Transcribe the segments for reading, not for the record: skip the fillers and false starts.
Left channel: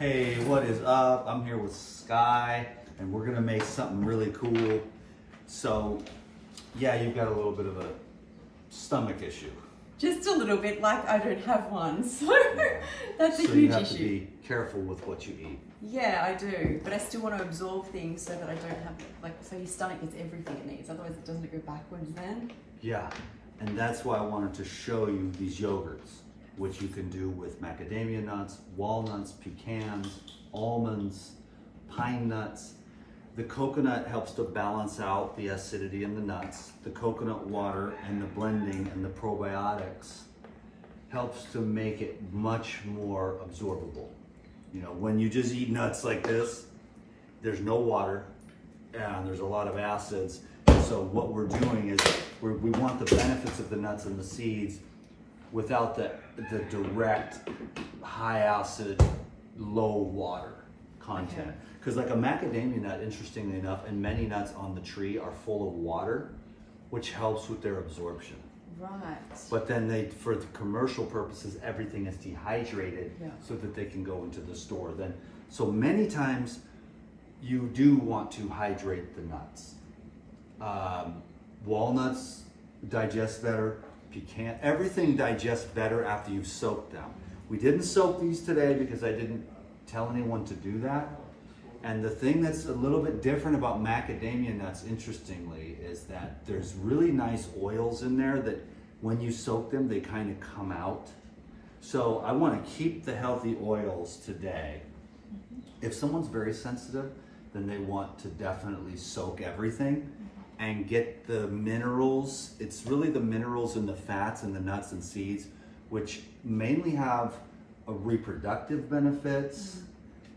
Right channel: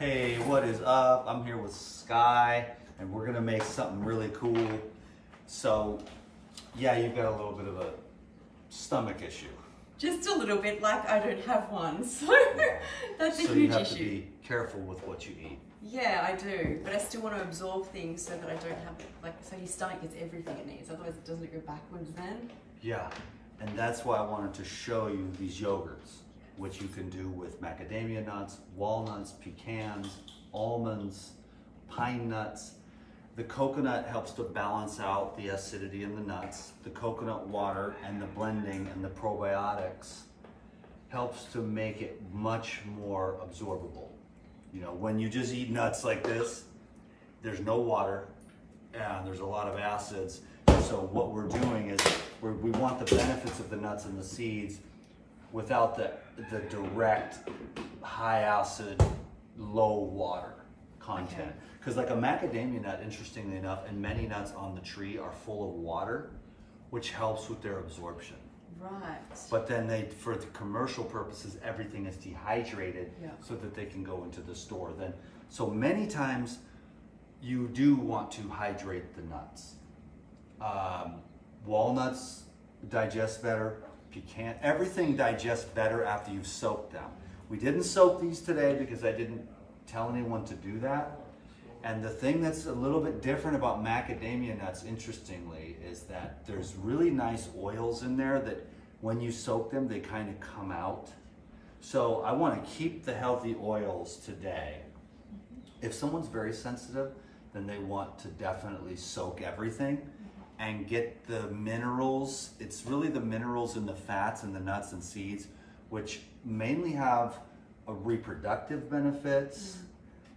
Hey, what is up? I'm here with Sky, and we're gonna make something really cool. So, yeah, you've got a little bit of a stomach issue. Just a little bit, like I don't have one, so that's a So huge you have issue. to be careful with what you eat. Yeah, I do, but I still want to absorb things so that I don't have, like, so your stomach gets everything it needs, otherwise it doesn't go backwards then. Yeah, and that's why I wanted to show you these yogurts, which you can do with macadamia nuts, walnuts, pecans, almonds, pine nuts. The coconut helps to balance out the acidity in the nuts. The coconut water and the blending and the probiotics helps to make it much more absorbable. You know, when you just eat nuts like this, there's no water and there's a lot of acids. So what we're doing is we want the benefits of the nuts and the seeds without the direct high acid, low water content. Because like a macadamia nut, interestingly enough, and many nuts on the tree are full of water, which helps with their absorption. Right. But then for the commercial purposes, everything is dehydrated so that they can go into the store. So many times you do want to hydrate the nuts. Walnuts digest better, everything digests better after you've soaked them. We didn't soak these today because I didn't tell anyone to do that. And the thing that's a little bit different about macadamia nuts, interestingly, is that there's really nice oils in there that when you soak them, they kind of come out. So I want to keep the healthy oils today. If someone's very sensitive, then they want to definitely soak everything and get the minerals. It's really the minerals in the fats and the nuts and seeds, which mainly have a reproductive benefits.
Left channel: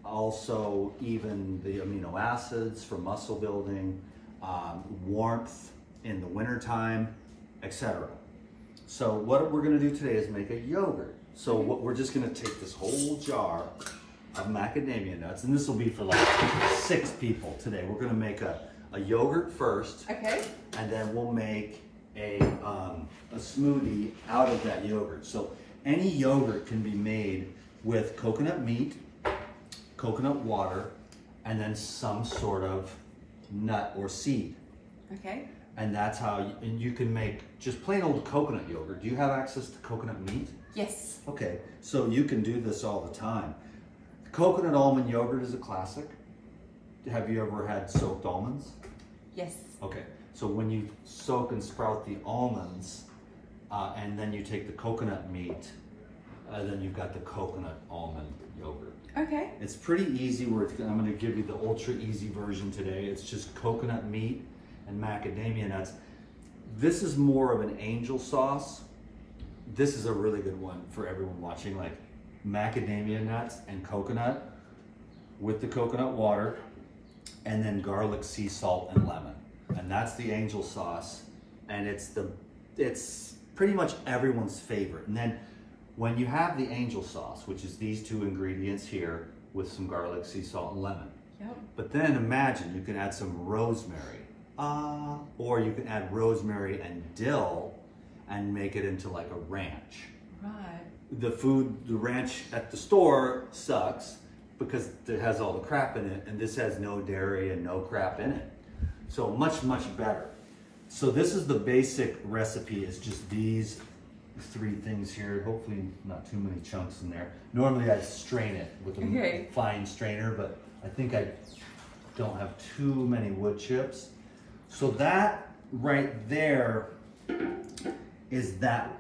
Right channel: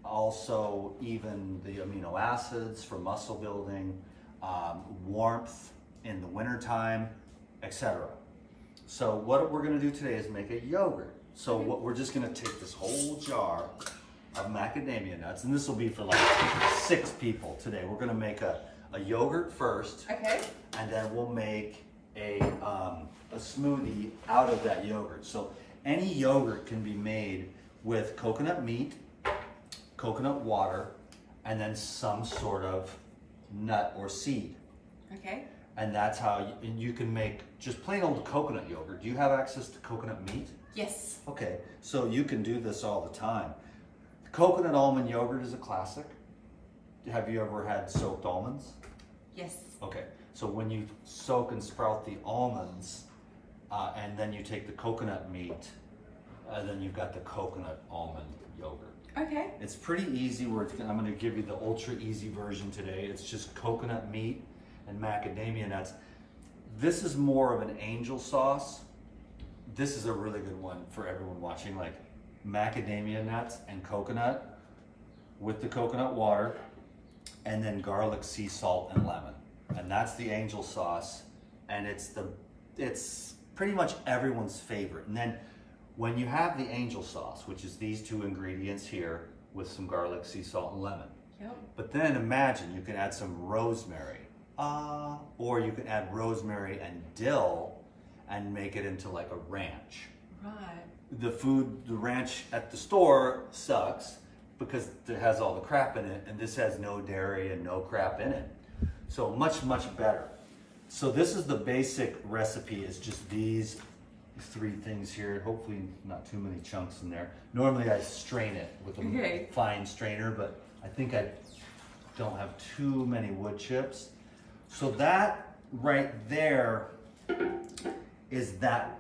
Also, even the amino acids for muscle building, warmth in the wintertime, etc. So what we're gonna do today is make a yogurt. So we're just gonna take this whole jar of macadamia nuts, and this will be for like 6 people today. We're gonna make a yogurt first. Okay. And then we'll make a smoothie out of that yogurt. So any yogurt can be made with coconut meat, coconut water, and then some sort of nut or seed. Okay. And that's how you can make just plain old coconut yogurt. Do you have access to coconut meat? Yes. Okay, so you can do this all the time. Coconut almond yogurt is a classic. Have you ever had soaked almonds? Yes. Okay, so when you soak and sprout the almonds, and then you take the coconut meat, then you've got the coconut almond yogurt. Okay. It's pretty easy. I'm going to give you the ultra easy version today. It's just coconut meat and macadamia nuts. This is more of an angel sauce. This is a really good one for everyone watching, like macadamia nuts and coconut with the coconut water, and then garlic, sea salt, and lemon. And that's the angel sauce. And it's pretty much everyone's favorite. And then when you have the angel sauce, which is these 2 ingredients here with some garlic, sea salt, and lemon. Yep. But then imagine you can add some rosemary, or you can add rosemary and dill and make it into like a ranch. Right. The ranch at the store sucks because it has all the crap in it, and this has no dairy and no crap in it. So much, much better. So this is the basic recipe. It's just these 3 things here. Hopefully not too many chunks in there. Normally I strain it with a fine strainer, but I think I don't have too many wood chips. So that right there that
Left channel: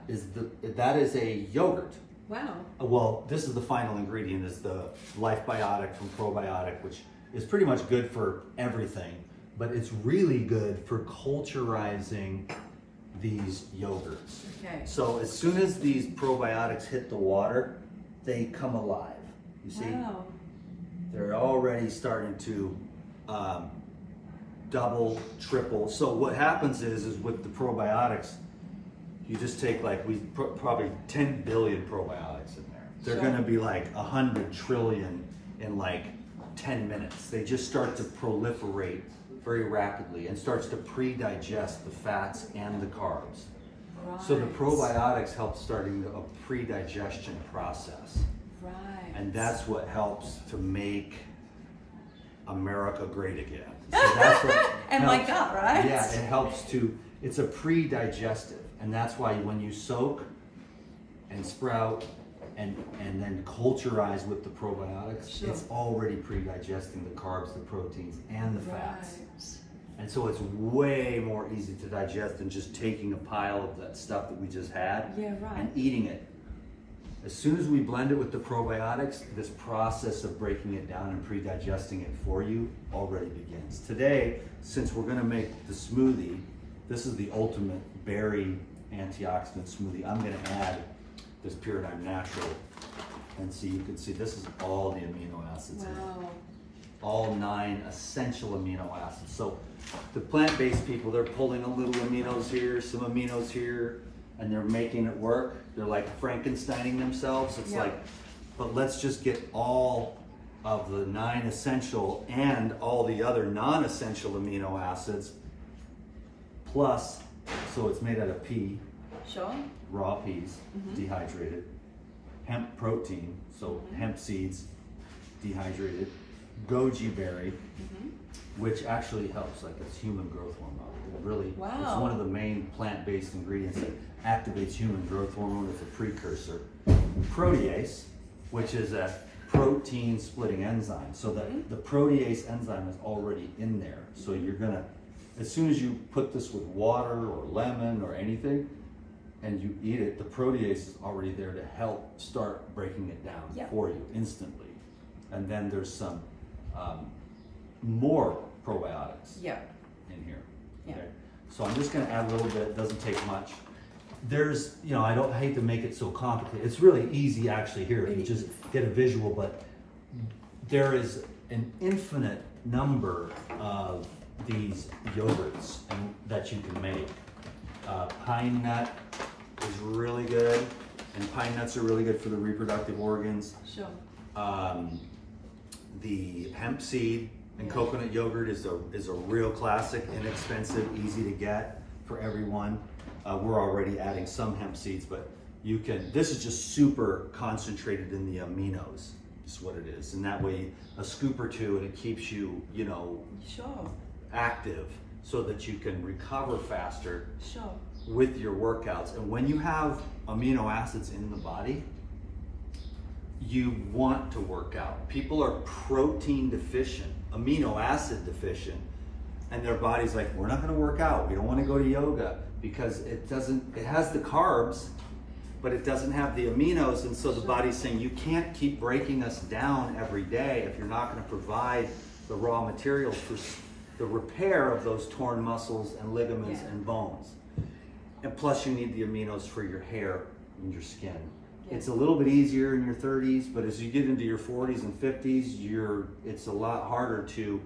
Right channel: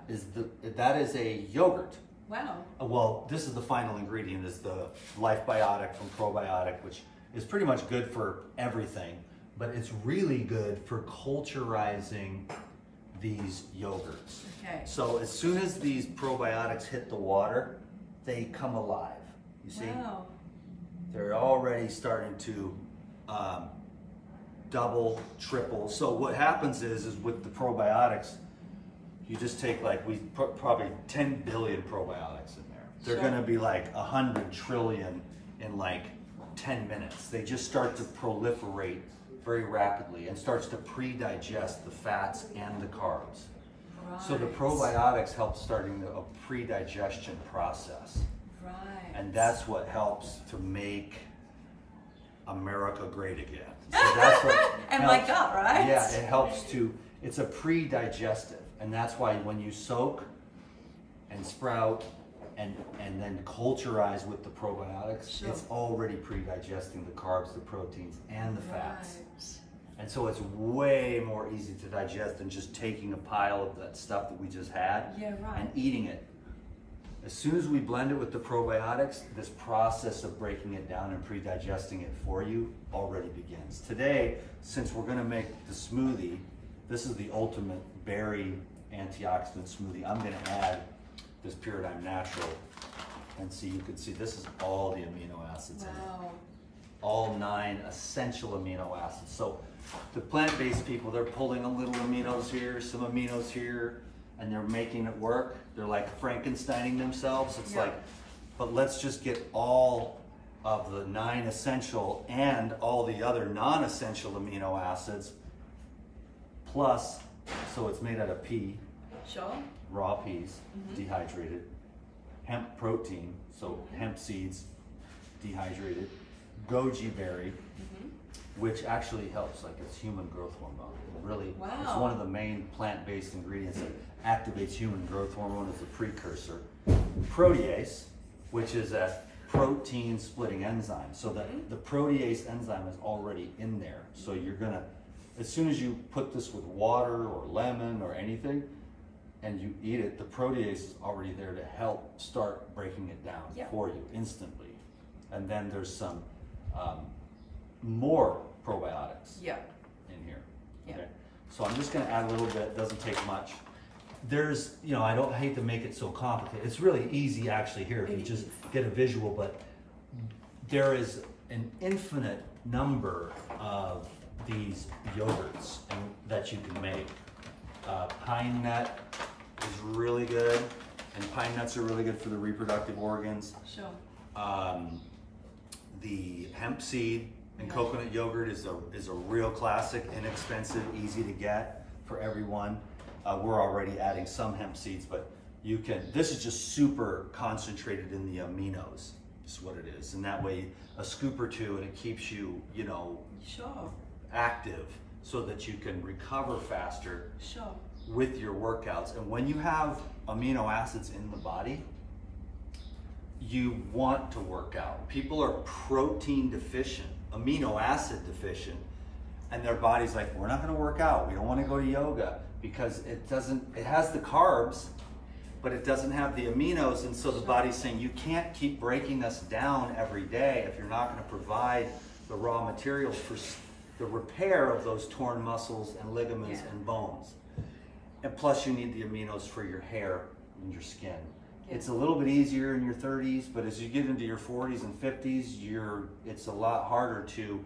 is a yogurt. Wow. Well, this is the final ingredient, is the Life Biotic from Probiotic, which is pretty much good for everything, but it's really good for culturizing these yogurts. Okay. So as soon as these probiotics hit the water, they come alive. You see? Wow. They're already starting to double, triple. So what happens is with the probiotics, you just take probably 10 billion probiotics in there. They're gonna be like 100 trillion in like 10 minutes. They just start to proliferate very rapidly and starts to pre-digest the fats and the carbs. Right. So the probiotics help starting a pre-digestion process. Right. And that's what helps to make America great again. So that's what and my gut, right? Yeah, it helps to, it's a pre-digestive. And that's why when you soak and sprout and then culturize with the probiotics, sure. it's already pre-digesting the carbs, the proteins, and the fats. And so it's way more easy to digest than just taking a pile of that stuff that we just had and eating it. As soon as we blend it with the probiotics, this process of breaking it down and pre-digesting it for you already begins. Today, since we're gonna make the smoothie, this is the ultimate berry antioxidant smoothie. I'm gonna add this Paradigm Natural, and see, you can see this is all the amino acids in it. All 9 essential amino acids. So the plant-based people, they're pulling a little aminos here, some aminos here, and they're making it work. They're like Frankensteining themselves. It's like, but let's just get all of the 9 essential and all the other non-essential amino acids, plus, so it's made out of pea, raw peas, dehydrated, hemp protein, so hemp seeds, dehydrated, goji berry, which actually helps, like it's human growth hormone. It really, it's one of the main plant-based ingredients that activates human growth hormone. It's a precursor. Protease, which is a protein splitting enzyme. So the protease enzyme is already in there. So you're gonna, as soon as you put this with water or lemon or anything, and you eat it, the protease is already there to help start breaking it down for you instantly. And then there's some more probiotics in here. Okay? So I'm just gonna add a little bit, doesn't take much. There's, you know, I don't hate to make it so complicated. It's really easy actually here if you just get a visual, but there is an infinite number of these yogurts that you can make. Pine nut is really good, and pine nuts are really good for the reproductive organs. The hemp seed and coconut yogurt is a real classic, inexpensive, easy to get for everyone. We're already adding some hemp seeds, but you can, this is just super concentrated in the aminos, is what it is. And that way, a scoop or two, and it keeps you, you know, active so that you can recover faster with your workouts. And when you have amino acids in the body, you want to work out. People are protein deficient, amino acid deficient, and their body's like, we're not gonna work out. We don't wanna go to yoga because it has the carbs, but it doesn't have the aminos. And so the body's saying, you can't keep breaking us down every day if you're not gonna provide the raw materials for the repair of those torn muscles and ligaments and bones. And plus you need the aminos for your hair and your skin. It's a little bit easier in your 30s, but as you get into your 40s and 50s, it's a lot harder to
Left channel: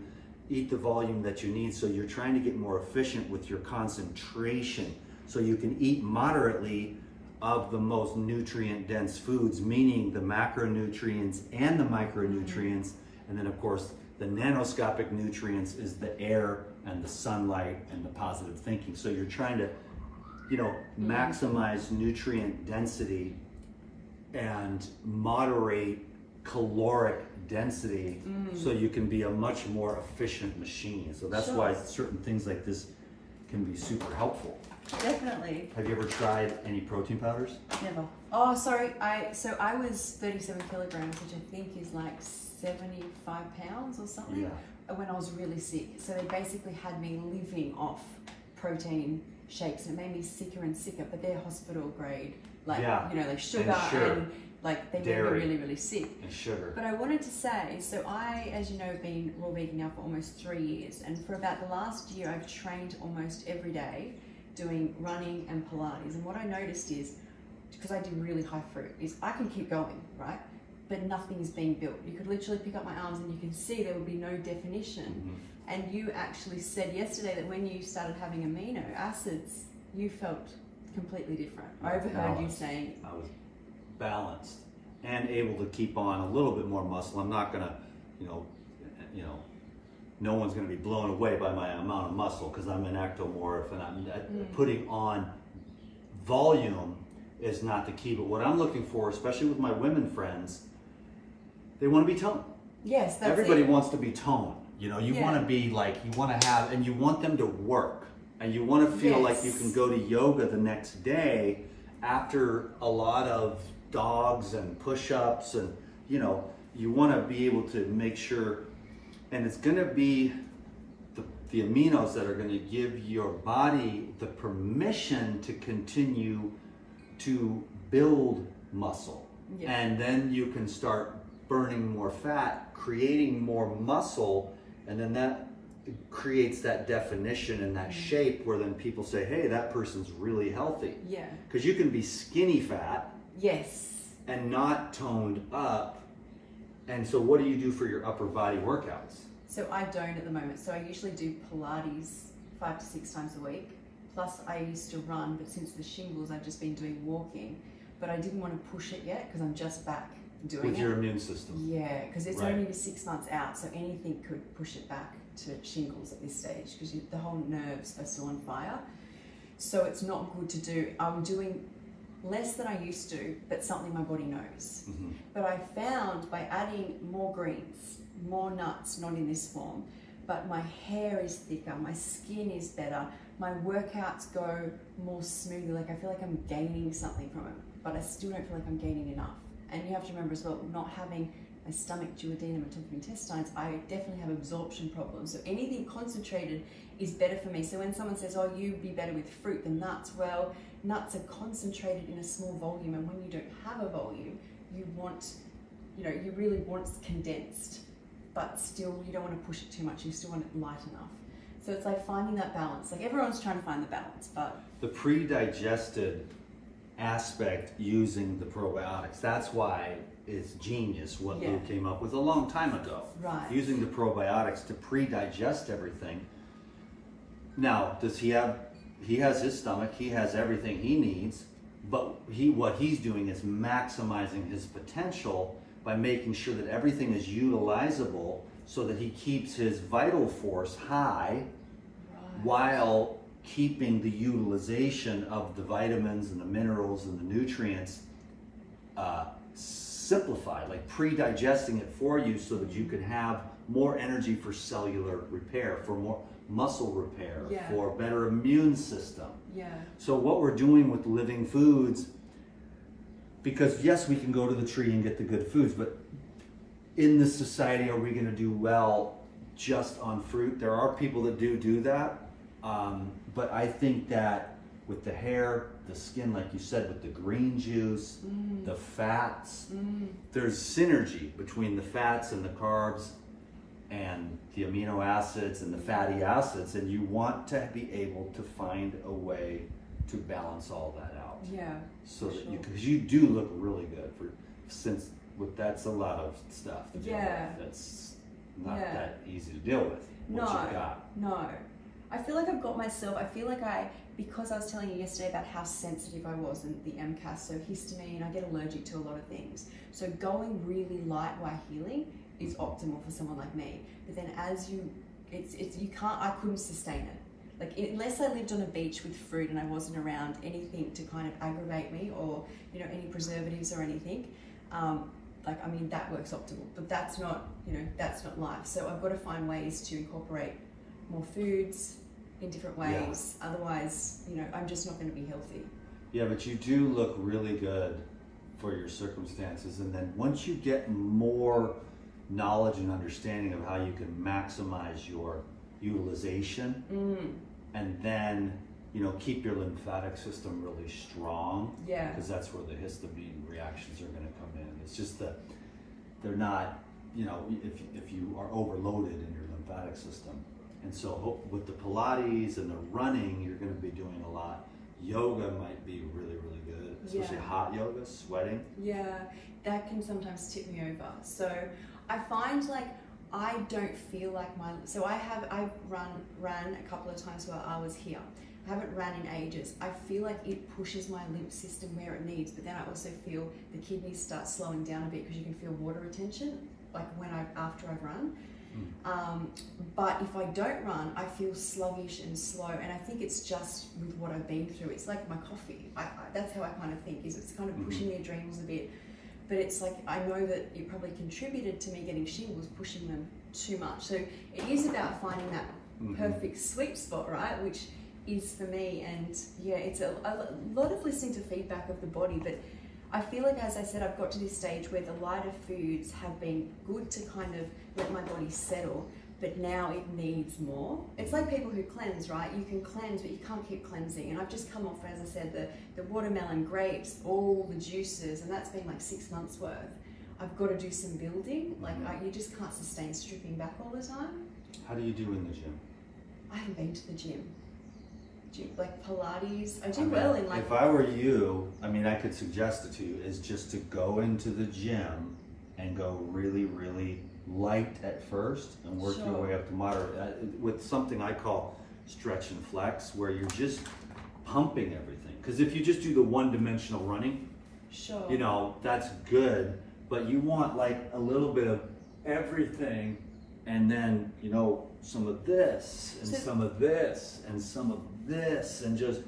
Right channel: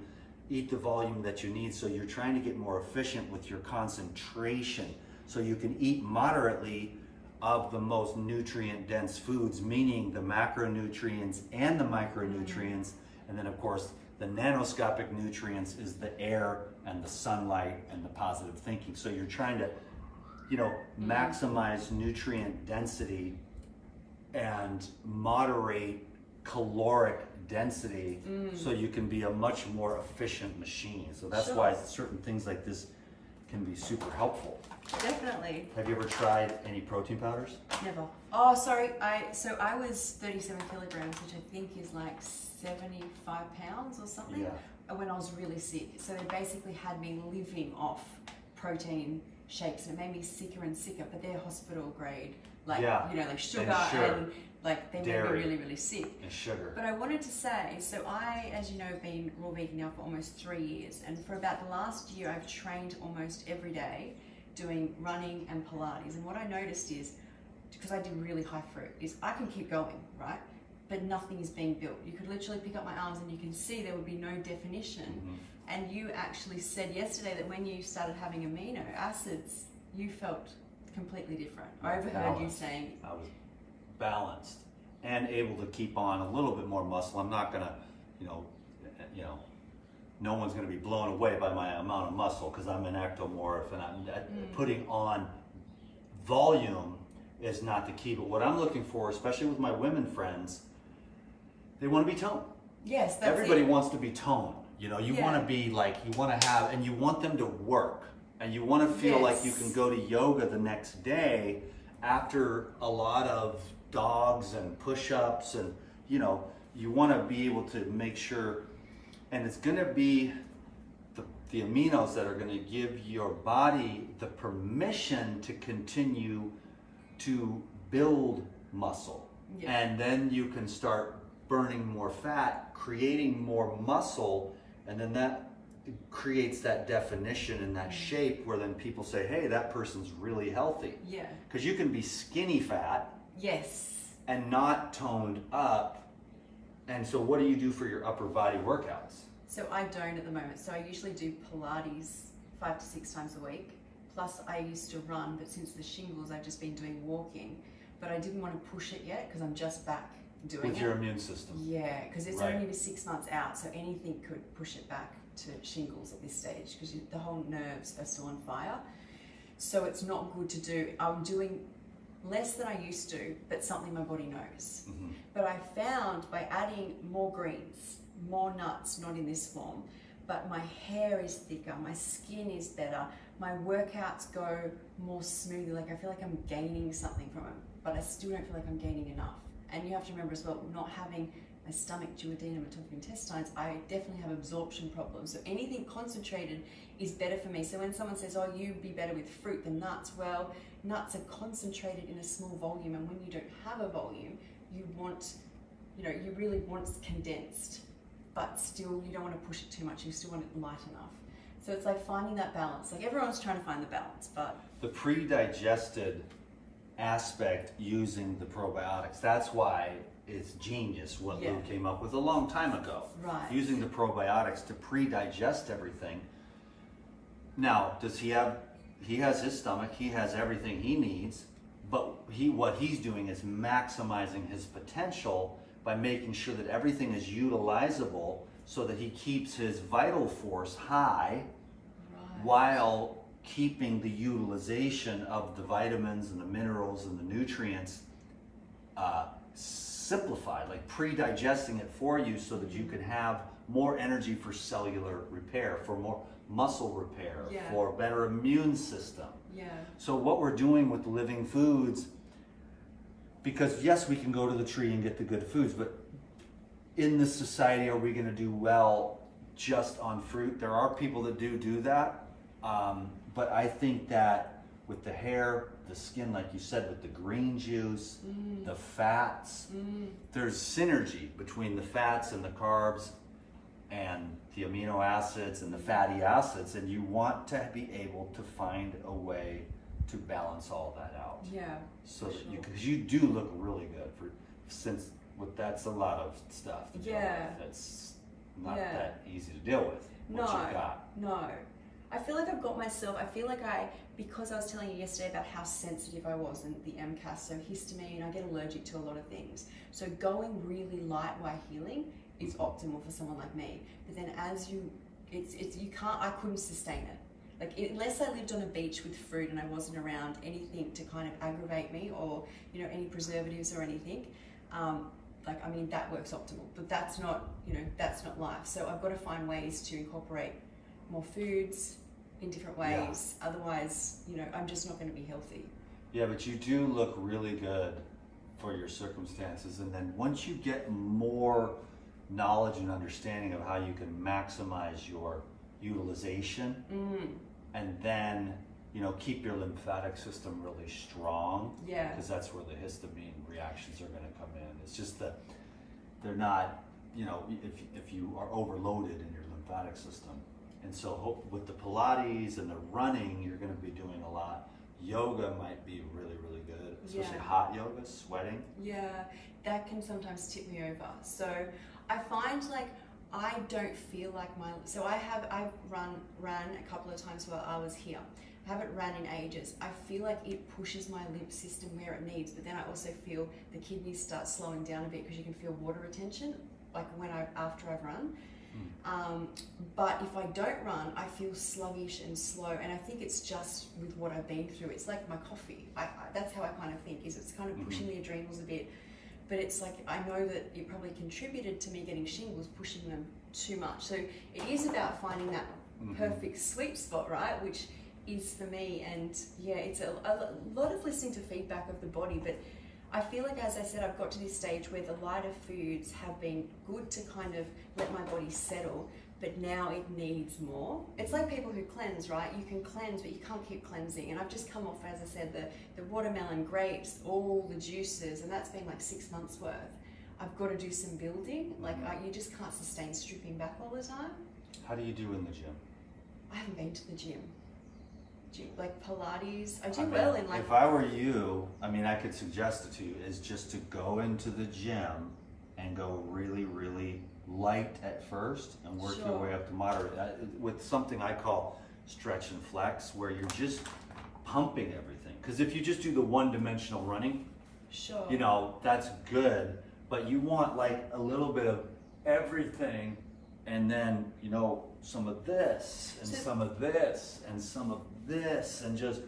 eat the volume that you need. So you're trying to get more efficient with your concentration. So you can eat moderately of the most nutrient dense foods, meaning the macronutrients and the micronutrients. And then of course, the nanoscopic nutrients is the air and the sunlight and the positive thinking. So you're trying to, you know, maximize nutrient density and moderate caloric density so you can be a much more efficient machine. So that's why certain things like this can be super helpful. Definitely. Have you ever tried any protein powders? Never. Oh, sorry. So I was 37 kilograms, which I think is like 75 pounds or something, when I was really sick. So they basically had me living off protein shakes, and it made me sicker and sicker, but they're hospital grade, like, you know, like sugar and like they made me really, really sick. And sugar. But I wanted to say, so I, as you know, have been raw vegan now for almost 3 years, and for about the last year, I've trained almost every day doing running and Pilates. And what I noticed is, because I do really high fruit, is I can keep going, right? But nothing is being built. You could literally pick up my arms and you can see there would be no definition. And you actually said yesterday that when you started having amino acids, you felt completely different. I overheard you saying... I was balanced and able to keep on a little bit more muscle. I'm not gonna, you know, no one's gonna be blown away by my amount of muscle because I'm an ectomorph, and I'm putting on volume is not the key. But what I'm looking for, especially with my women friends, They want to be toned. Yes, that's Everybody it. wants to be toned. You know, you want to be like, you want to have, and you want them to work. And you want to feel like you can go to yoga the next day after a lot of dogs and push-ups, and you know, you want to be able to make sure, and it's going to be the aminos that are going to give your body the permission to continue to build muscle. Yeah. And then you can start burning more fat, creating more muscle, and then that creates that definition and that shape where then people say, hey, that person's really healthy. Yeah. Because you can be skinny fat. Yes. And not toned up. And so what do you do for your upper body workouts? So I don't at the moment. So I usually do Pilates 5 to 6 times a week. Plus I used to run, but since the shingles, I've just been doing walking. But I didn't want to push it yet because I'm just back doing it. With your immune system. Yeah, because it's only 6 months out, so anything could push it back to shingles at this stage because the whole nerves are still on fire. So it's not good to do. I'm doing less than I used to, but something my body knows. Mm-hmm. But I found by adding more greens, more nuts, not in this form, but my hair is thicker, my skin is better, my workouts go more smoothly. Like I feel like I'm gaining something from it, but I still don't feel like I'm gaining enough. And you have to remember as well, not having my stomach, duodenum, and top of intestines, I definitely have absorption problems. So anything concentrated is better for me. So when someone says, oh, you'd be better with fruit than nuts, well, nuts are concentrated in a small volume, and when you don't have a volume, you want, you know, you really want it condensed, but still you don't want to push it too much. You still want it light enough. So it's like finding that balance. Like everyone's trying to find the balance, but the pre-digested aspect using the probiotics, that's why it's genius what Lou came up with a long time ago. Right. Using the probiotics to pre-digest everything. Now, does he has his stomach, he has everything he needs, but what he's doing is maximizing his potential by making sure that everything is utilizable so that he keeps his vital force high while keeping the utilization of the vitamins and the minerals and the nutrients simplified, like pre-digesting it for you so that you can have more energy for cellular repair, for more muscle repair, for better immune system. Yeah. So what we're doing with living foods, because yes, we can go to the tree and get the good foods, but in this society, are we going to do well just on fruit? There are people that do that, but I think that with the hair, the skin, like you said, with the green juice, the fats, there's synergy between the fats and the carbs and the amino acids and the fatty acids, and you want to be able to find a way to balance all that out. Yeah. So that because you do look really good that's a lot of stuff to deal with. That's not that easy to deal with. What you got. No. I feel like I've got myself, because I was telling you yesterday about how sensitive I was in the MCAS, so histamine, I get allergic to a lot of things. So going really light while healing is optimal for someone like me. But then I couldn't sustain it. Like unless I lived on a beach with fruit and I wasn't around anything to kind of aggravate me or, you know, any preservatives or anything, that works optimal, but that's not, that's not life. So I've got to find ways to incorporate more foods in different ways. Yeah. Otherwise, I'm just not going to be healthy. Yeah, but you do look really good for your circumstances. And then once you get more knowledge and understanding of how you can maximize your utilization and then, keep your lymphatic system really strong. Yeah. Because that's where the histamine reactions are going to come in. It's just that they're not, if you are overloaded in your lymphatic system. And so with the Pilates and the running, you're going to be doing a lot. Yoga might be really, really good, especially hot yoga, sweating. Yeah, that can sometimes tip me over. So I find I don't feel like I've ran a couple of times while I was here. I haven't ran in ages. I feel like it pushes my lymph system where it needs, but then I also feel the kidneys start slowing down a bit because you can feel water retention, after I've run. But if I don't run, I feel sluggish and slow, and I think it's just with what I've been through. It's like my coffee. That's how I kind of think, is it's kind of pushing the adrenals a bit. but it's like, I know that it probably contributed to me getting shingles, pushing them too much. So it is about finding that perfect sweet spot, right? Which is for me. And yeah, it's a lot of listening to feedback of the body, but I feel like, as I said, I've got to this stage where the lighter foods have been good to kind of let my body settle, but now it needs more. It's like people who cleanse, right? You can cleanse, but you can't keep cleansing. And I've just come off, as I said, the watermelon, grapes, all the juices, and that's been like 6 months worth. I've got to do some building. Like, you just can't sustain stripping back all the time. How do you do in the gym? I haven't been to the gym. Like Pilates, I do well in like... If I were you, I mean, I could suggest it to you, is just to go into the gym and go really, really light at first and work your way up to moderate with something I call stretch and flex, where you're just pumping everything. Because if you just do the one-dimensional running, you know, that's good, but you want like a little bit of everything, and then, you know, some of this and some of this and some of this, and just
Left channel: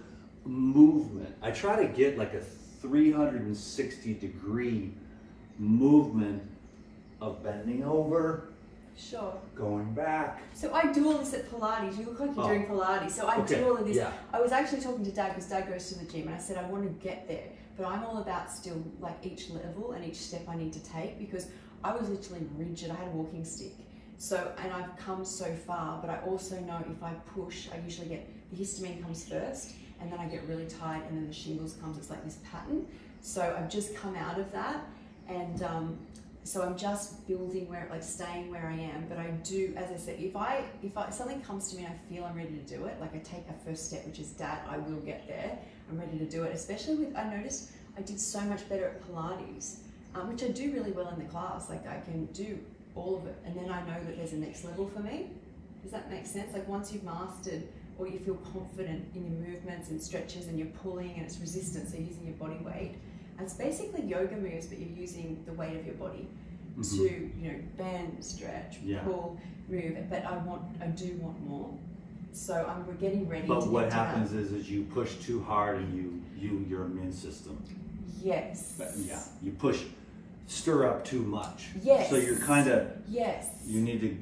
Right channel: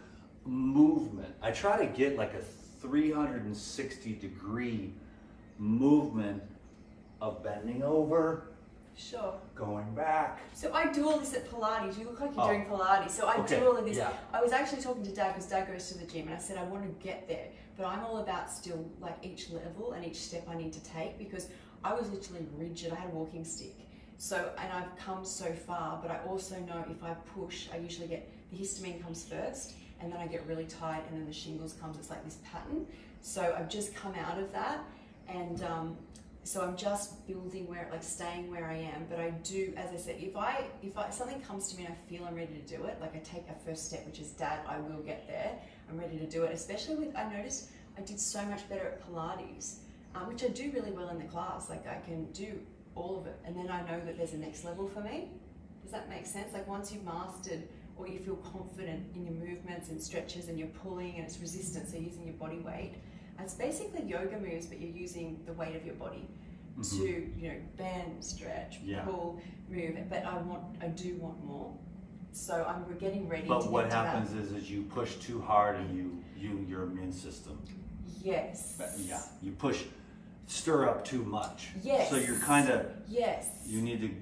movement. I try to get like a 360-degree movement of bending over, going back. So I do all this at Pilates. You look like you're doing Pilates. So I do all of this. Yeah. I was actually talking to Dad, because Dad goes to the gym, and I said I want to get there, but I'm all about still like each level and each step I need to take, because I was literally rigid. I had a walking stick. So, and I've come so far, but I also know if I push, I usually get, the histamine comes first, and then I get really tight, and then the shingles comes. It's like this pattern. So I've just come out of that, and so I'm just building where, like staying where I am. But I do, as I said, if something comes to me and I feel I'm ready to do it, like I take a first step, which is Dad, I will get there. I'm ready to do it, especially with, I noticed I did so much better at Pilates, which I do really well in the class. Like I can do all of it, and then I know that there's a next level for me. Does that make sense? Like once you've mastered, or you feel confident in your movements and stretches, and you're pulling, and it's resistance, so you're using your body weight. And it's basically yoga moves, but you're using the weight of your body to, you know, bend, stretch, pull, move. But I do want more. So we're getting ready to get to that. But what happens is you push too hard, and your immune system. Yes. Yeah. You stir up too much. Yes. So you're kind of, you need to,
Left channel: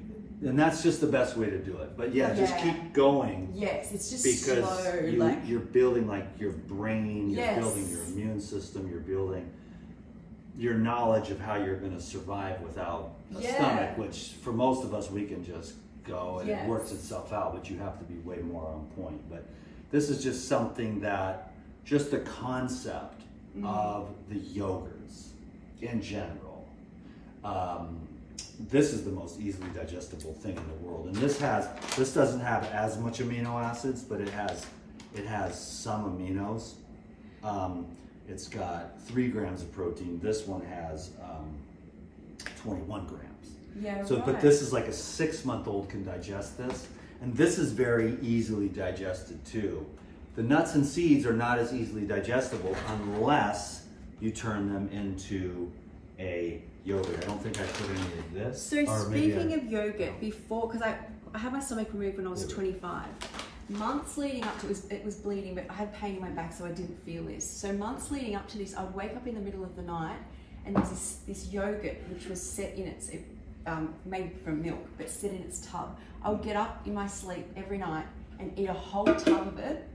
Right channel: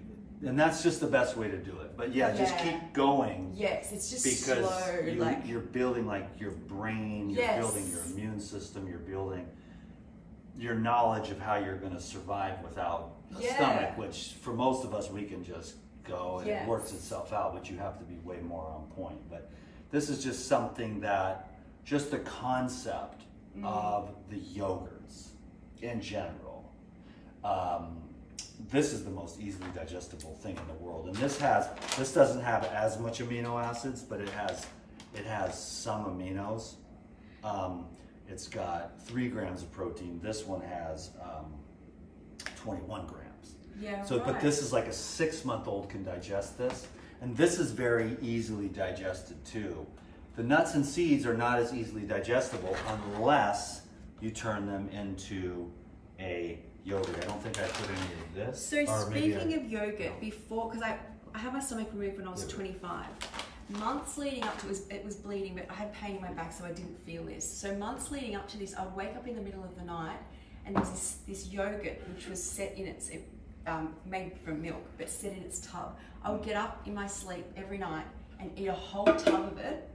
and that's just the best way to do it. But just keep going. Yes, it's just because slow. You're building like your brain, you're building your immune system, you're building your knowledge of how you're going to survive without a stomach, which for most of us, we can just go and it works itself out, but you have to be way more on point. But this is just something that, just the concept of the yogurts in general, this is the most easily digestible thing in the world. And this doesn't have as much amino acids, but it has some aminos. It's got 3 grams of protein. This one has 21 grams. Yeah, so, but this is like a 6-month-old can digest this. And this is very easily digested too. The nuts and seeds are not as easily digestible unless you turn them into a yogurt. I don't think I put any of this. So speaking of yogurt, before, because I had my stomach removed when I was 25. Months leading up to it was bleeding, but I had pain in my back, so I didn't feel this. So months leading up to this, I'd wake up in the middle of the night, and there's this yogurt which was set in made from milk, but set in its tub. I would get up in my sleep every night and eat a whole tub of it,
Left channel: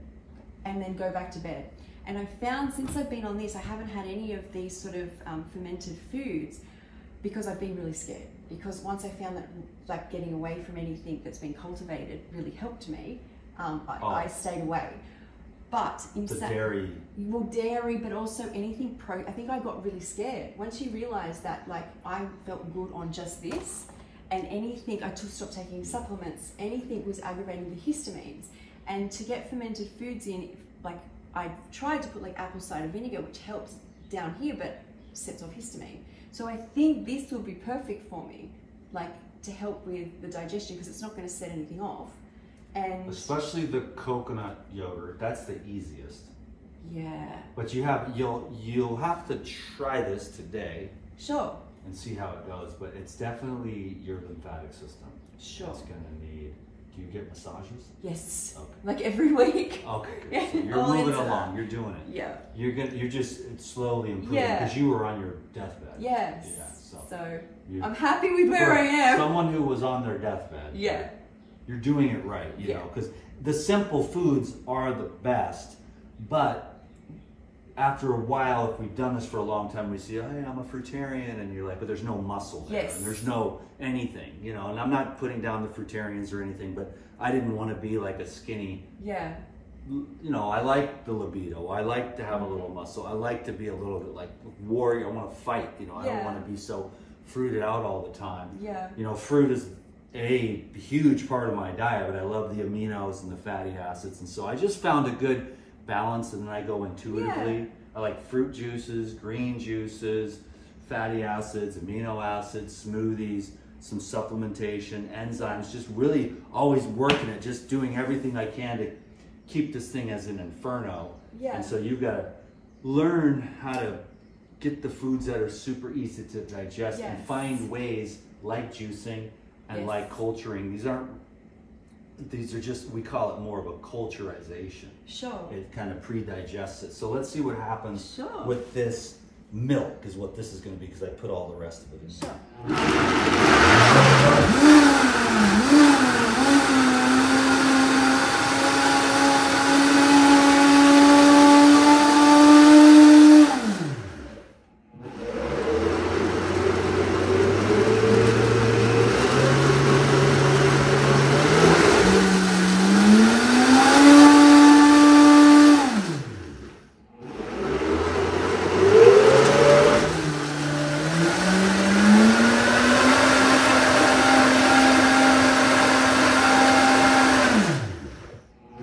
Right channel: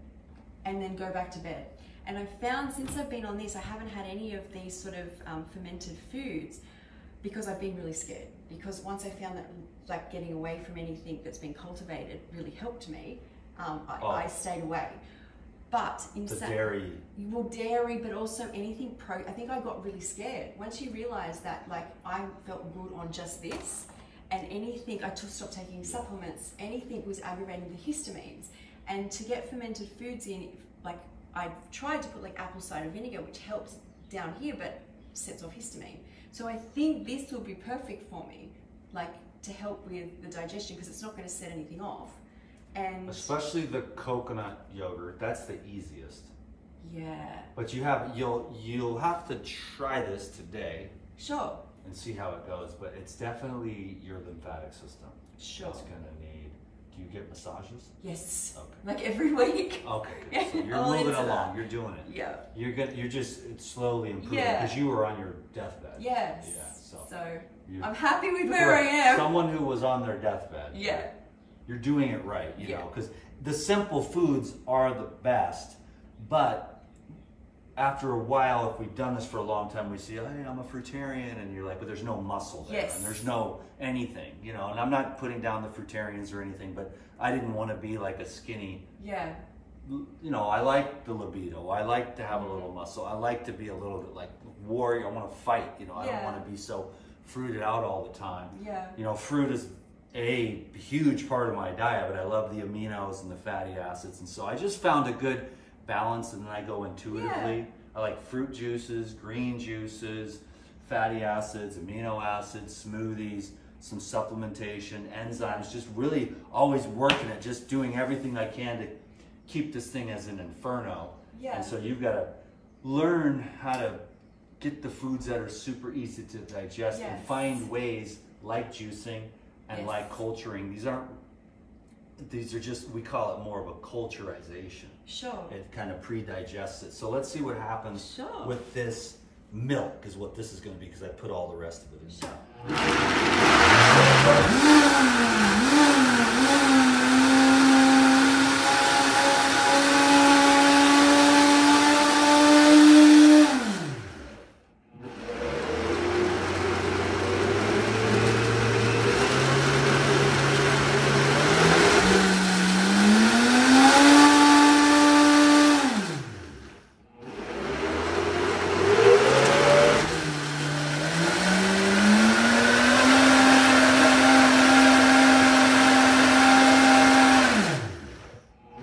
and then go back to bed. And I found, since I've been on this, I haven't had any of these sort of fermented foods, because I've been really scared. Because once I found that like getting away from anything that's been cultivated really helped me, I stayed away. But in dairy. Well, dairy, but also anything I think I got really scared. Once you realize that, like, I felt good on just this, and anything, I stopped taking supplements, anything was aggravating the histamines. And to get fermented foods in, like, I tried to put like apple cider vinegar, which helps down here, but sets off histamine. So I think this will be perfect for me, like, to help with the digestion, because it's not going to set anything off. And especially the coconut yogurt, that's the easiest. Yeah. But you'll have to try this today. Sure. And see how it goes. But it's definitely your lymphatic system. Sure. It's gonna need Do you get massages? Yes. Okay. Like every week. Okay, good. So you're moving along. You're doing it. Yeah. You're just it's slowly improving Yeah. because you were on your deathbed. Yes. Yeah. So you, I'm happy with where for I am. someone who was on their deathbed. Yeah. You're doing it right, you know, because the simple foods are the best, but after a while, if we've done this for a long time, we see, hey, I'm a fruitarian, and you're like, but there's no muscle there, and there's no anything, you know, and I'm not putting down the fruitarians or anything, but I didn't want to be like a skinny, you know, I like the libido, I like to have a little muscle, I like to be a little bit like warrior, I want to fight, you know, I don't want to be so fruited out all the time. You know, fruit is a huge part of my diet, but I love the aminos and the fatty acids, and so I just found a good balance, and then I go intuitively. I like fruit juices, green juices, fatty acids, amino acids, smoothies, some supplementation, enzymes, just really always working it, just doing everything I can to keep this thing as an inferno. And so you've got to learn how to get the foods that are super easy to digest and find ways like juicing and like culturing. These are just, we call it more of a culturization. It kind of pre-digests it. So let's see what happens with this milk is what this is going to be, because I put all the rest of it in.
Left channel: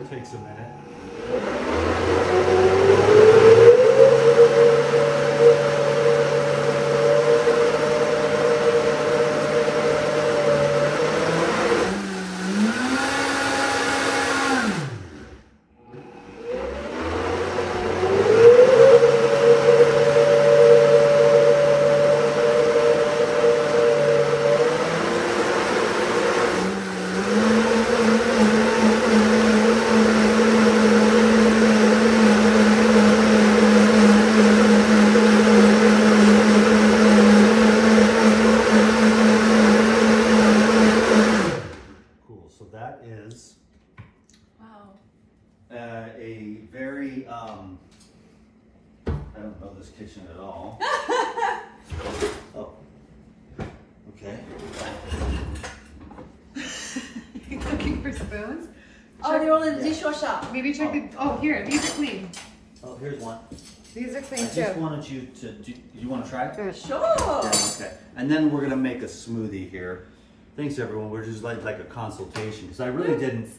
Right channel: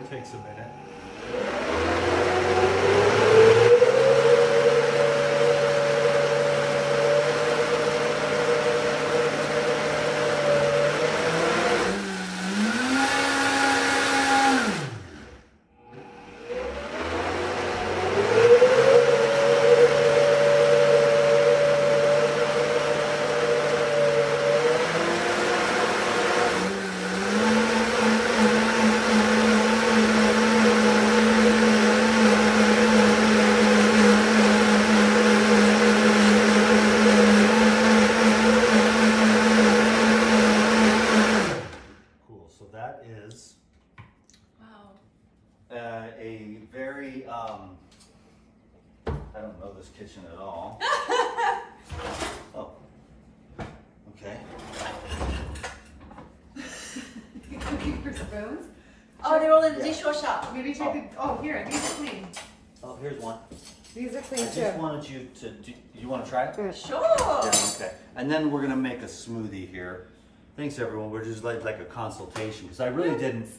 Takes a minute. A very, I don't know this kitchen at all. Oh, okay. You're looking for spoons? Oh, they're all in the dishwasher. Maybe check the, oh here, these are clean. Oh, here's one. These are clean I too. just wanted you to, you want to try it? Sure. Okay. And then we're going to make a smoothie here. Thanks everyone, we're just like a consultation, because I really didn't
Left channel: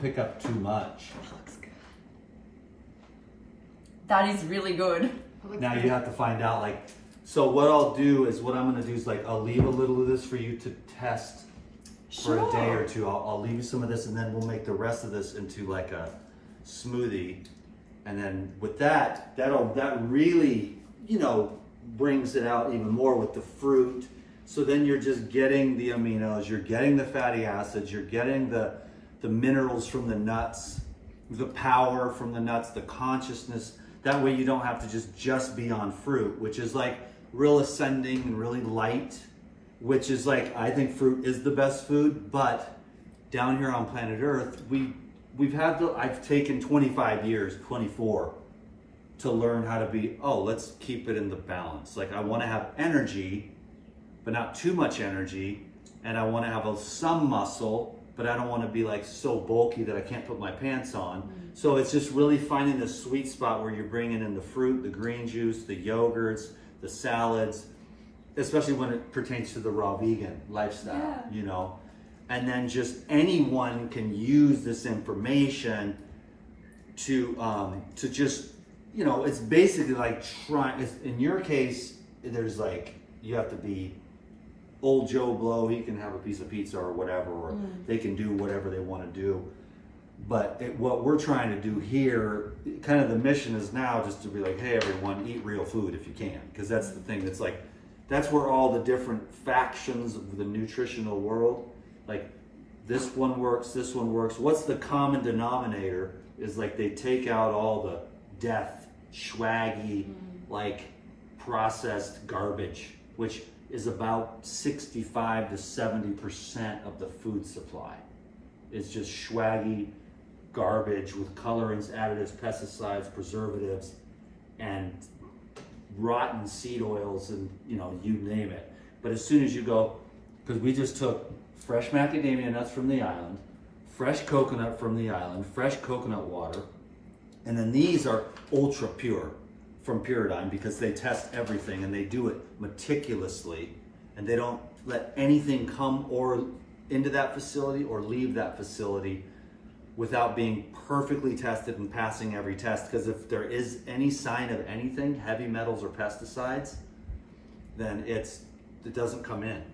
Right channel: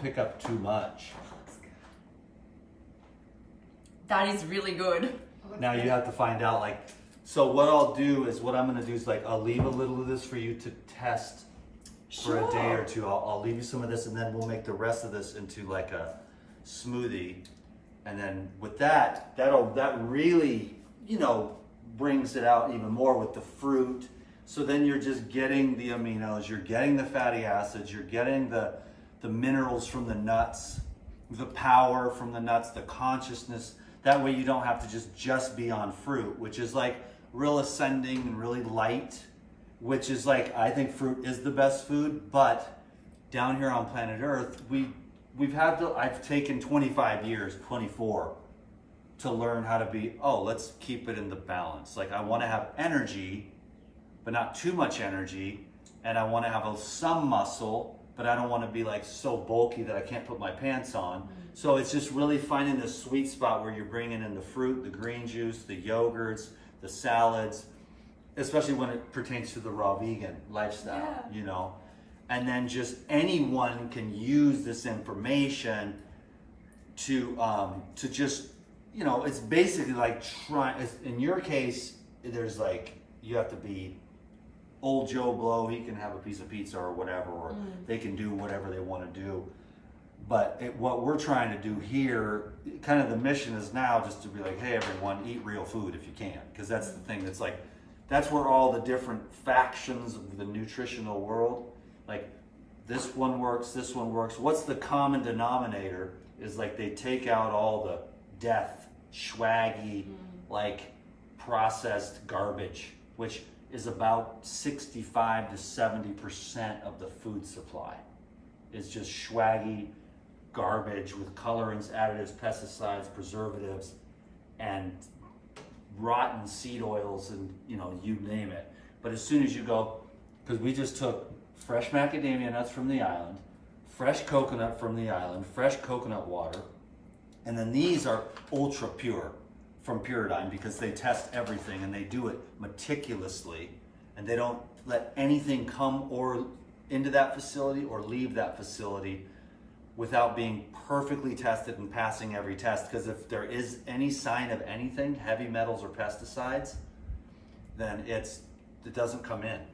pick up too much. That is really good. Now you have to find out, like, so what I'll do is, what I'm going to do is, like, I'll leave a little of this for you to test for a day or two. I'll leave you some of this, and then we'll make the rest of this into like a smoothie. And then with that, that really, you know, brings it out even more with the fruit. So then you're just getting the aminos, you're getting the fatty acids, you're getting the minerals from the nuts, the power from the nuts, the consciousness. That way you don't have to just be on fruit, which is like real ascending and really light, which is like, I think fruit is the best food, but down here on planet Earth, I've taken 25 years, 24, to learn how to be, let's keep it in the balance. Like, I want to have energy, but not too much energy, and I want to have some muscle, but I don't want to be like so bulky that I can't put my pants on. So it's just really finding the sweet spot where you're bringing in the fruit, the green juice, the yogurts, the salads, especially when it pertains to the raw vegan lifestyle, you know. And then just anyone can use this information to just, you know, it's basically like in your case, there's like, you have to be old Joe Blow, he can have a piece of pizza or whatever, or they can do whatever they want to do. But what we're trying to do here, kind of the mission is now just to be like, hey everyone, eat real food if you can. Because that's the thing that's like, that's where all the different factions of the nutritional world, like this one works, this one works. What's the common denominator is like they take out all the death, swaggy, like processed garbage, which is about 65 to 70% of the food supply. It's just swaggy garbage with colorants, additives, pesticides, preservatives, and rotten seed oils, and you know, you name it. But as soon as you go, because we just took fresh macadamia nuts from the island, fresh coconut from the island, fresh coconut water, and then these are ultra pure from Pyridine, because they test everything and they do it meticulously, and they don't let anything come or into that facility or leave that facility without being perfectly tested and passing every test. Because if there is any sign of anything, heavy metals or pesticides, then it doesn't come in.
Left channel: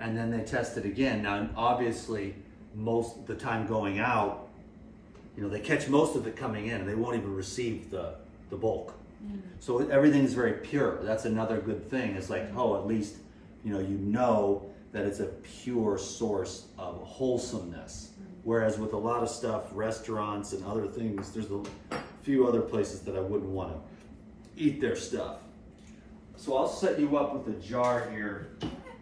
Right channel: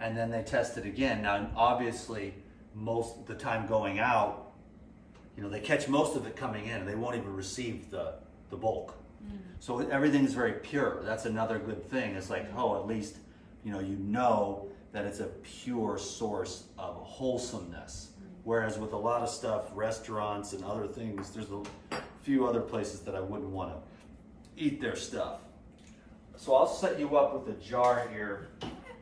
And then they test it again. Now, obviously, most of the time going out, you know, they catch most of it coming in and they won't even receive the bulk. So everything's very pure. That's another good thing. It's like, oh, at least, you know that it's a pure source of wholesomeness. Whereas with a lot of stuff, restaurants and other things, there's a few other places that I wouldn't want to eat their stuff. So I'll set you up with a jar here.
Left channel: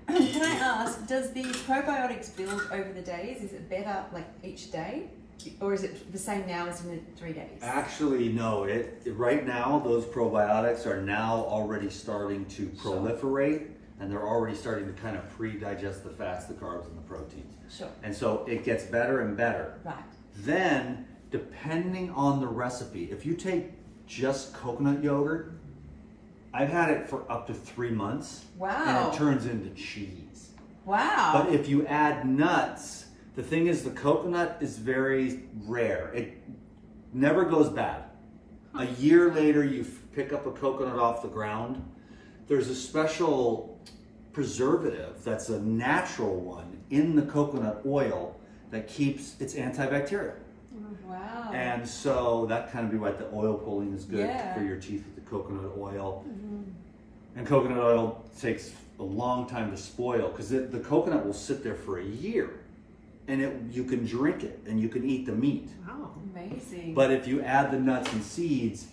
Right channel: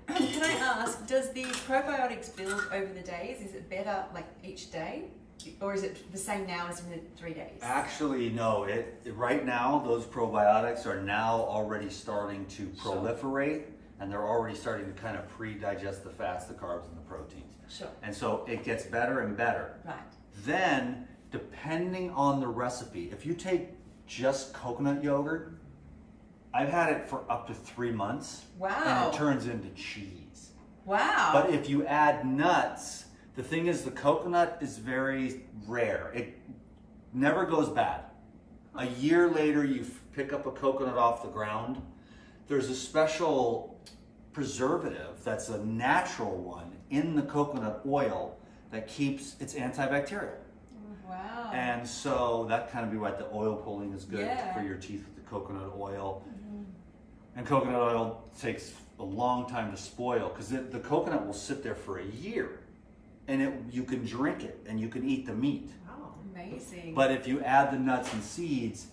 Can I ask, does the probiotics build over the days? Is it better like each day? Or is it the same now as in the 3 days? Actually, no. Right now, those probiotics are now already starting to proliferate, and they're already starting to kind of pre-digest the fats, the carbs, and the proteins. Sure. And so it gets better and better. Right. Then, depending on the recipe, if you take just coconut yogurt, I've had it for up to 3 months. Wow. And it turns into cheese. Wow. But if you add nuts, the thing is, the coconut is very rare. It never goes bad. A year later, you pick up a coconut off the ground. There's a special preservative that's a natural one in the coconut oil that keeps, it's antibacterial. Wow. And so that kind of be why the oil pulling is good for your teeth with the coconut oil. And coconut oil takes a long time to spoil, because the coconut will sit there for a year. And you can drink it and you can eat the meat. Wow, amazing. But if you add the nuts and seeds,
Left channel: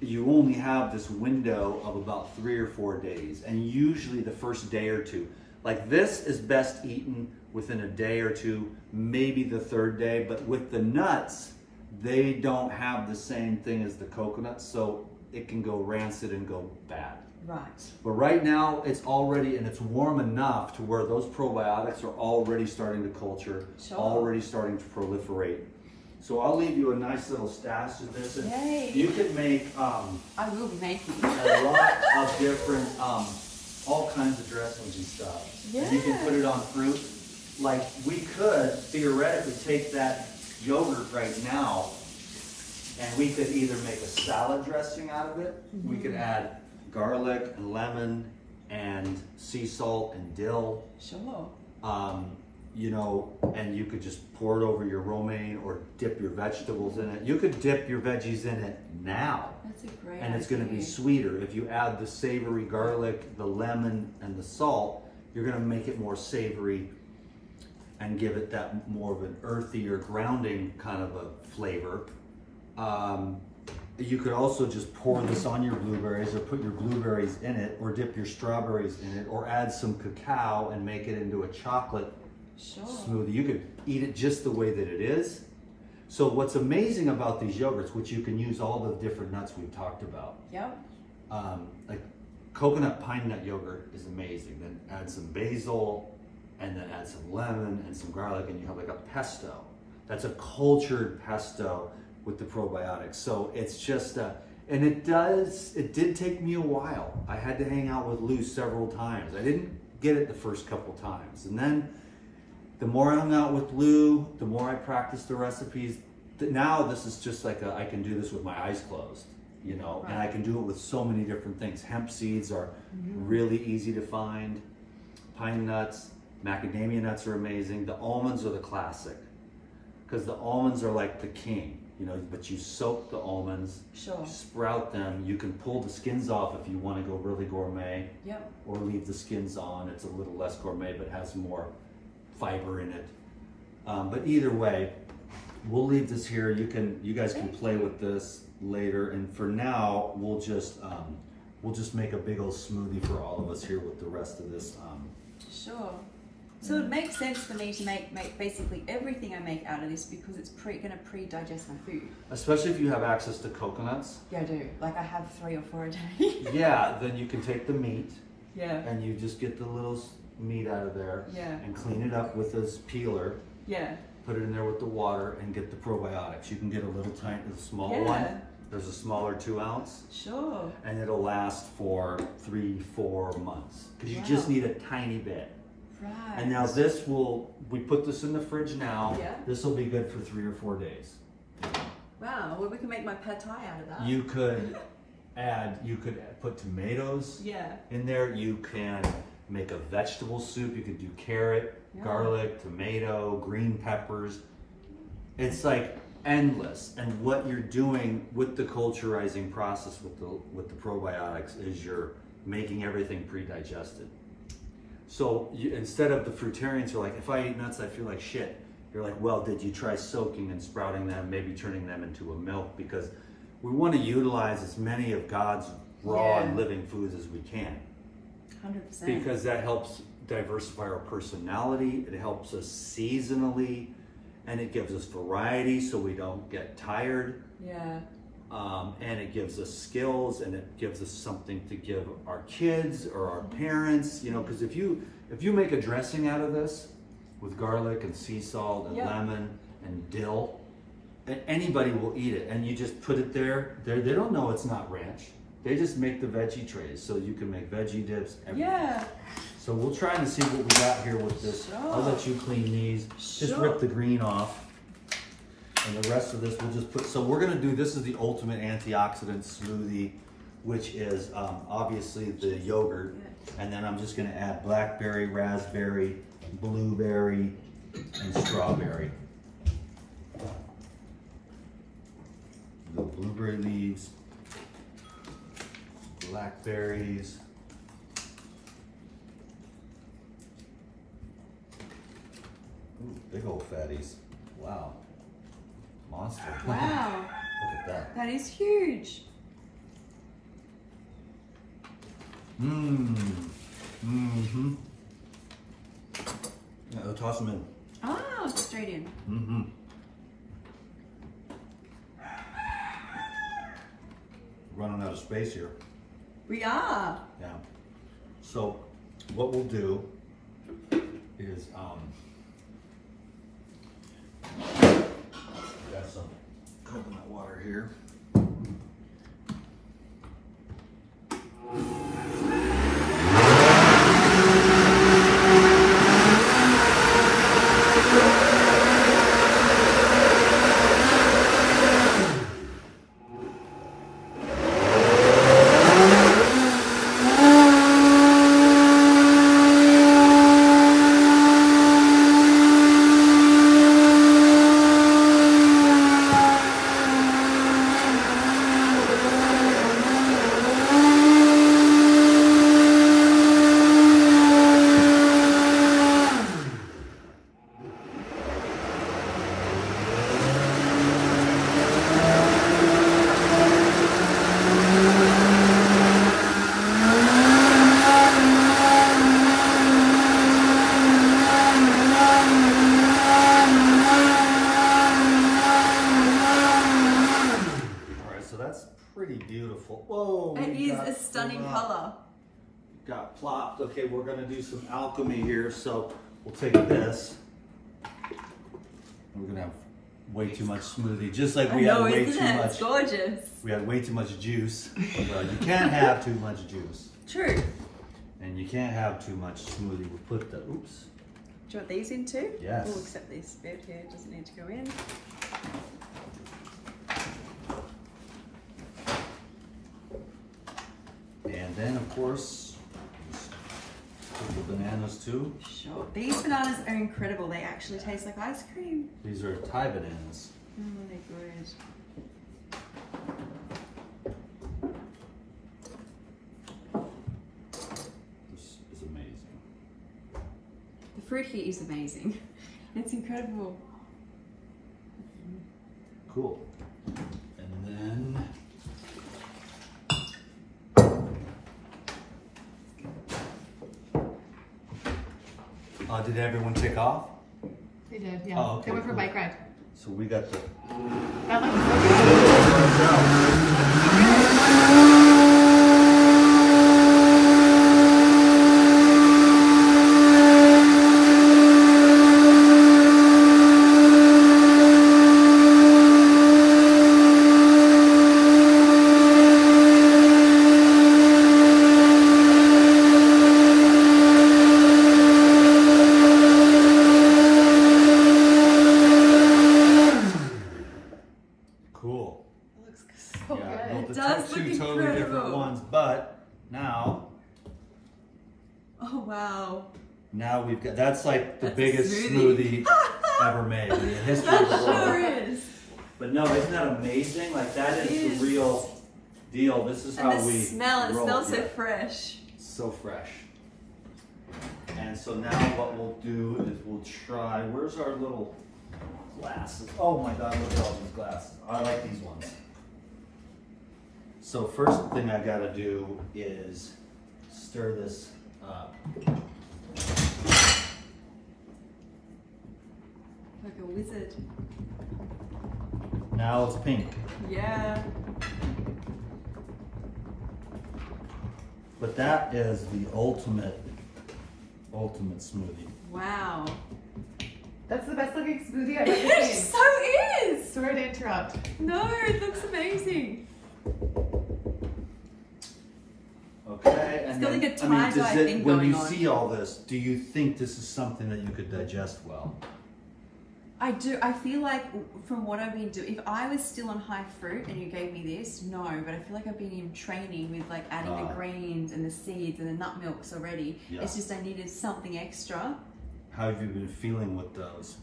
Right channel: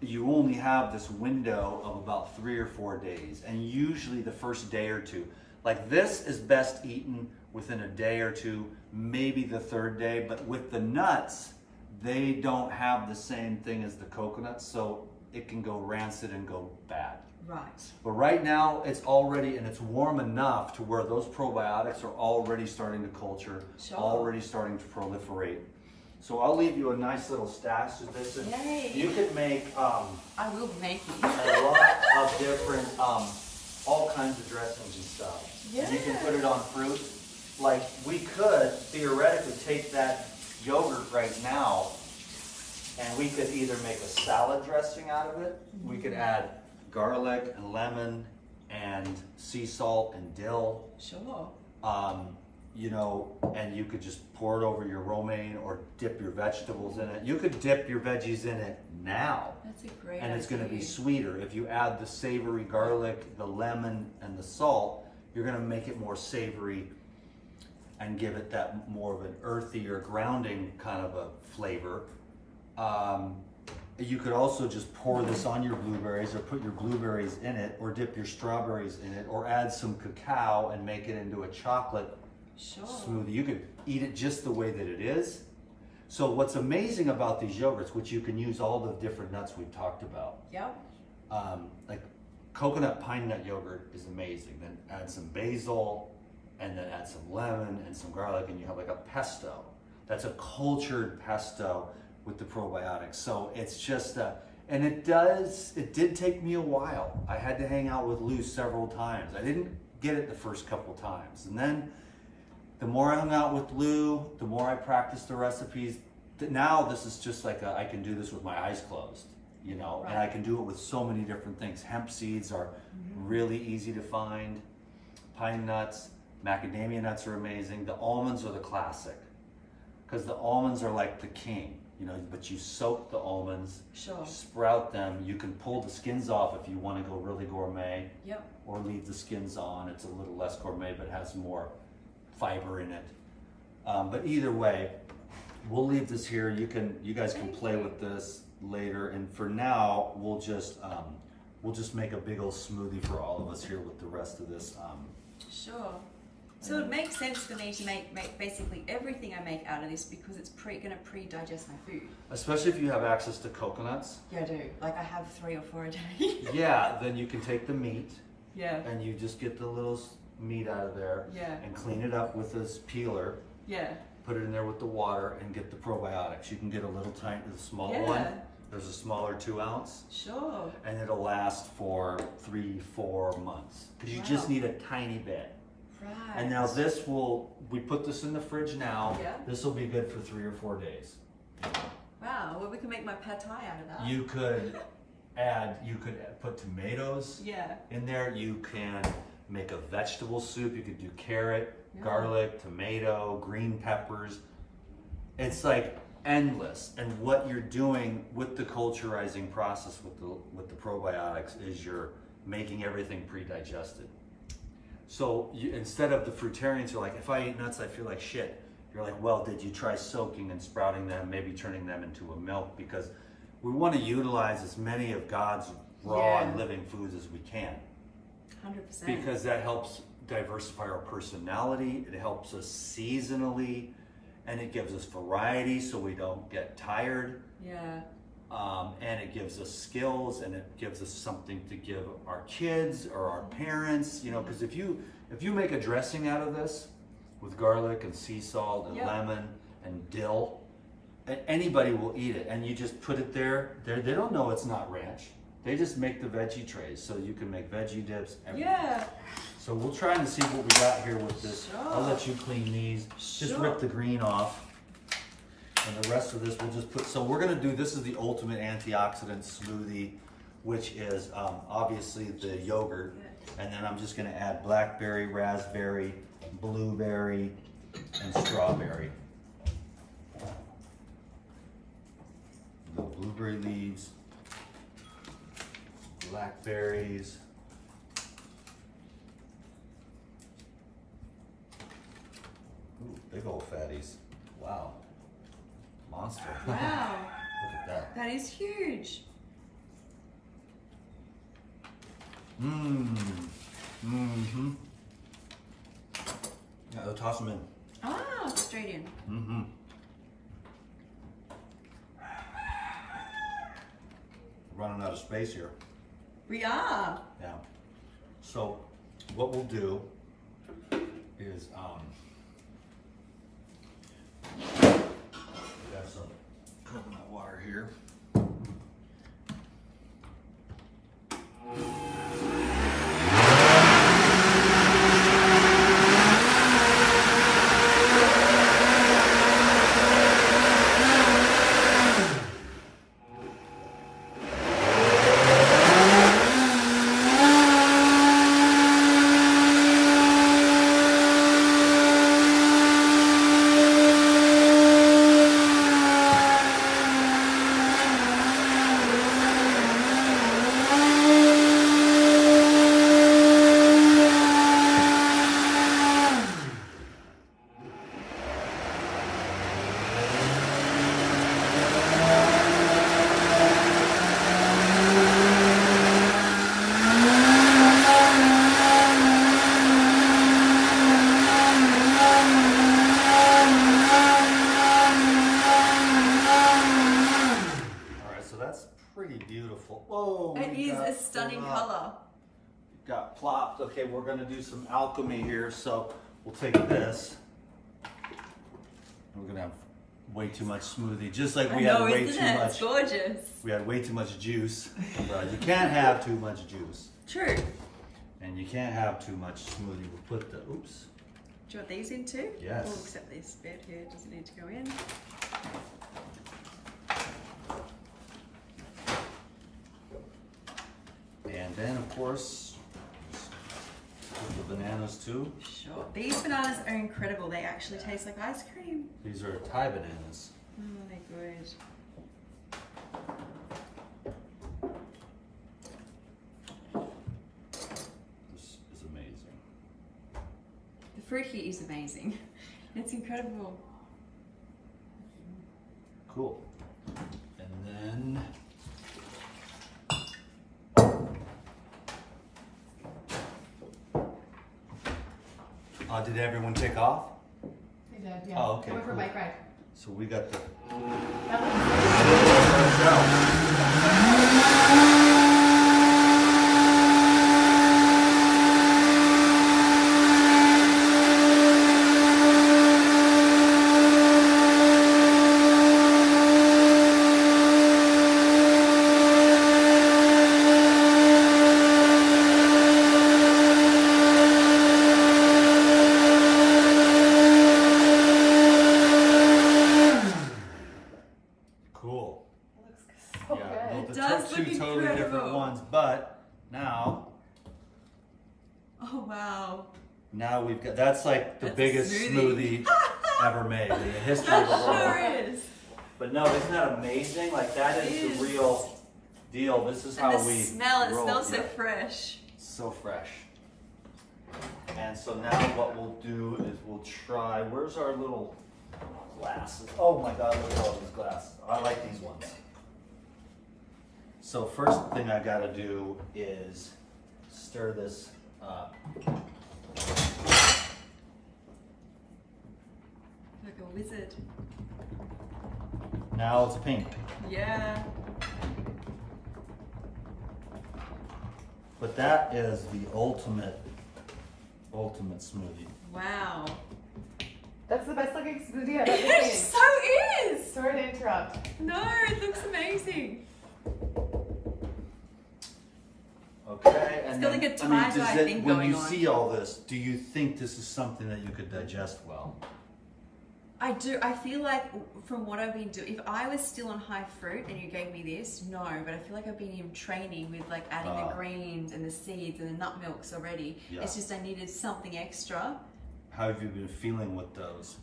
you only have this window of about 3 or 4 days. And usually the first day or two. Like this is best eaten within a day or two, maybe the 3rd day. But with the nuts, they don't have the same thing as the coconut, so it can go rancid and go bad. Right. But right now, it's already, and it's warm enough to where those probiotics are already starting to culture, already starting to proliferate. So I'll leave you a nice little stash of this. And yay. You could make I will be making a lot of different, all kinds of dressings and stuff. Yeah. And you can put it on fruit. Like, we could theoretically take that yogurt right now, and we could either make a salad dressing out of it. We could add garlic and lemon and sea salt and dill. Sure. You know, and you could just pour it over your romaine or dip your vegetables in it. You could dip your veggies in it now. That's a great And it's going to be sweeter. If you add the savory garlic, the lemon, and the salt, you're going to make it more savory and give it that more of an earthy or grounding kind of a flavor. You could also just pour this on your blueberries, or put your blueberries in it, or dip your strawberries in it, or add some cacao and make it into a chocolate smoothie. You could eat it just the way that it is. So what's amazing about these yogurts, which you can use all the different nuts we've talked about. Yep. Like coconut pine nut yogurt is amazing. Then add some basil, and then add some lemon and some garlic, and you have like a pesto. That's a cultured pesto with the probiotics. So it's just, and it did take me a while. I had to hang out with Lou several times. I didn't get it the first couple times. And then the more I hung out with Lou, the more I practiced the recipes. Now this is just like I can do this with my eyes closed, you know, and I can do it with so many different things. Hemp seeds are really easy to find. Pine nuts, macadamia nuts are amazing. The almonds are the classic, because the almonds are like the king. You know, but you soak the almonds, sprout them. You can pull the skins off if you want to go really gourmet, or leave the skins on. It's a little less gourmet, but has more fiber in it. But either way, we'll leave this here. You guys can play with this later. And for now, we'll just make a big old smoothie for all of us here with the rest of this. Sure. So it makes sense for me to make basically everything I make out of this because it's gonna pre-digest my food. Especially if you have access to coconuts. Yeah, I do. Like I have 3 or 4 a day. Yeah, then you can take the meat. Yeah. And you just get the little meat out of there. Yeah. And clean it up with this peeler. Yeah. Put it in there with the water and get the probiotics. You can get a little tiny, small one. There's a smaller 2 ounce. Sure. And it'll last for 3-4 months. Because you just need a tiny bit. Right. And now we put this in the fridge now. Yeah. This will be good for 3 or 4 days. Wow, well we can make my pad thai out of that. You could put tomatoes in there. You can make a vegetable soup. You could do carrot, garlic, tomato, green peppers. It's like endless. And what you're doing with the culturizing process with the probiotics is you're making everything pre-digested. So instead of the fruitarians are like, if I eat nuts, I feel like shit. You're like, well, did you try soaking and sprouting them, maybe turning them into a milk? Because we want to utilize as many of God's raw and living foods as we can. 100%. Because that helps diversify our personality. It helps us seasonally, and it gives us variety so we don't get tired. Yeah. And it gives us skills, and it gives us something to give our kids or our parents, you know, because if you make a dressing out of this with garlic and sea salt and lemon and dill, anybody will eat it. And you just put it there. They don't know it's not ranch. They just make the veggie trays, so you can make veggie dips, everything. Yeah. So we'll try and see what we got here with this. Sure. I'll let you clean these. Just rip the green off. And the rest of this we'll just put, so we're gonna do, this is the ultimate antioxidant smoothie, which is obviously the yogurt. And then I'm just gonna add blackberry, raspberry, blueberry, and strawberry. The blueberry leaves, blackberries, ooh, big old fatties, wow. Monster. Wow. Look at that. That is huge. Mm-hmm. Yeah, they'll toss them in. Oh, straight in. Mm-hmm. Running out of space here. We are. Yeah. So what we'll do is got some coconut water here. Whoa! It is a stunning color. Got plopped. Okay, we're gonna do some alchemy here. So we'll take this. We're gonna have way too much smoothie, just like we had way too much. It's gorgeous. We had way too much juice. Well, you can't have too much juice. True. And you can't have too much smoothie. We'll put the oops. Do you want these in too? Yes. Oh, except this bit here doesn't need to go in. And then, of course, put the bananas too. Sure. These bananas are incredible. They actually taste like ice cream. These are Thai bananas. Oh, they're good. This is amazing. The fruit here is amazing. It's incredible. Cool. And then did everyone take off? They did, yeah. Oh, okay, They went for a cool. bike ride. So we got the. That Cool. looks so Yeah, good. no, the does two look totally different incredible. ones, but now Oh wow. we've got, that's like the That's a biggest smoothie. smoothie ever made in the history of the That sure world. is. But no, isn't that amazing? Like that It is the is. real deal. This is And how the we smell, it roll. smells so Yeah. fresh. So fresh. And so now what we'll do is we'll try, where's our little glasses? Oh my God, look at all these glasses. I like these ones. So first thing I gotta do is stir this up. Like a wizard. Now it's pink. Yeah. But that is the ultimate smoothie. Wow. That's the best looking smoothie I've ever It seen. so is. Sorry to interrupt. No, it looks amazing. Okay, and got then, like a tie-dye thing when going you on. see all this, do you think this is something that you could digest well? I do. I feel like from what I've been doing, if I was still on high fruit and you gave me this, no, but I feel like I've been in training with like adding the greens and the seeds and the nut milks already. Yeah. It's just I needed something extra. How have you been feeling with those?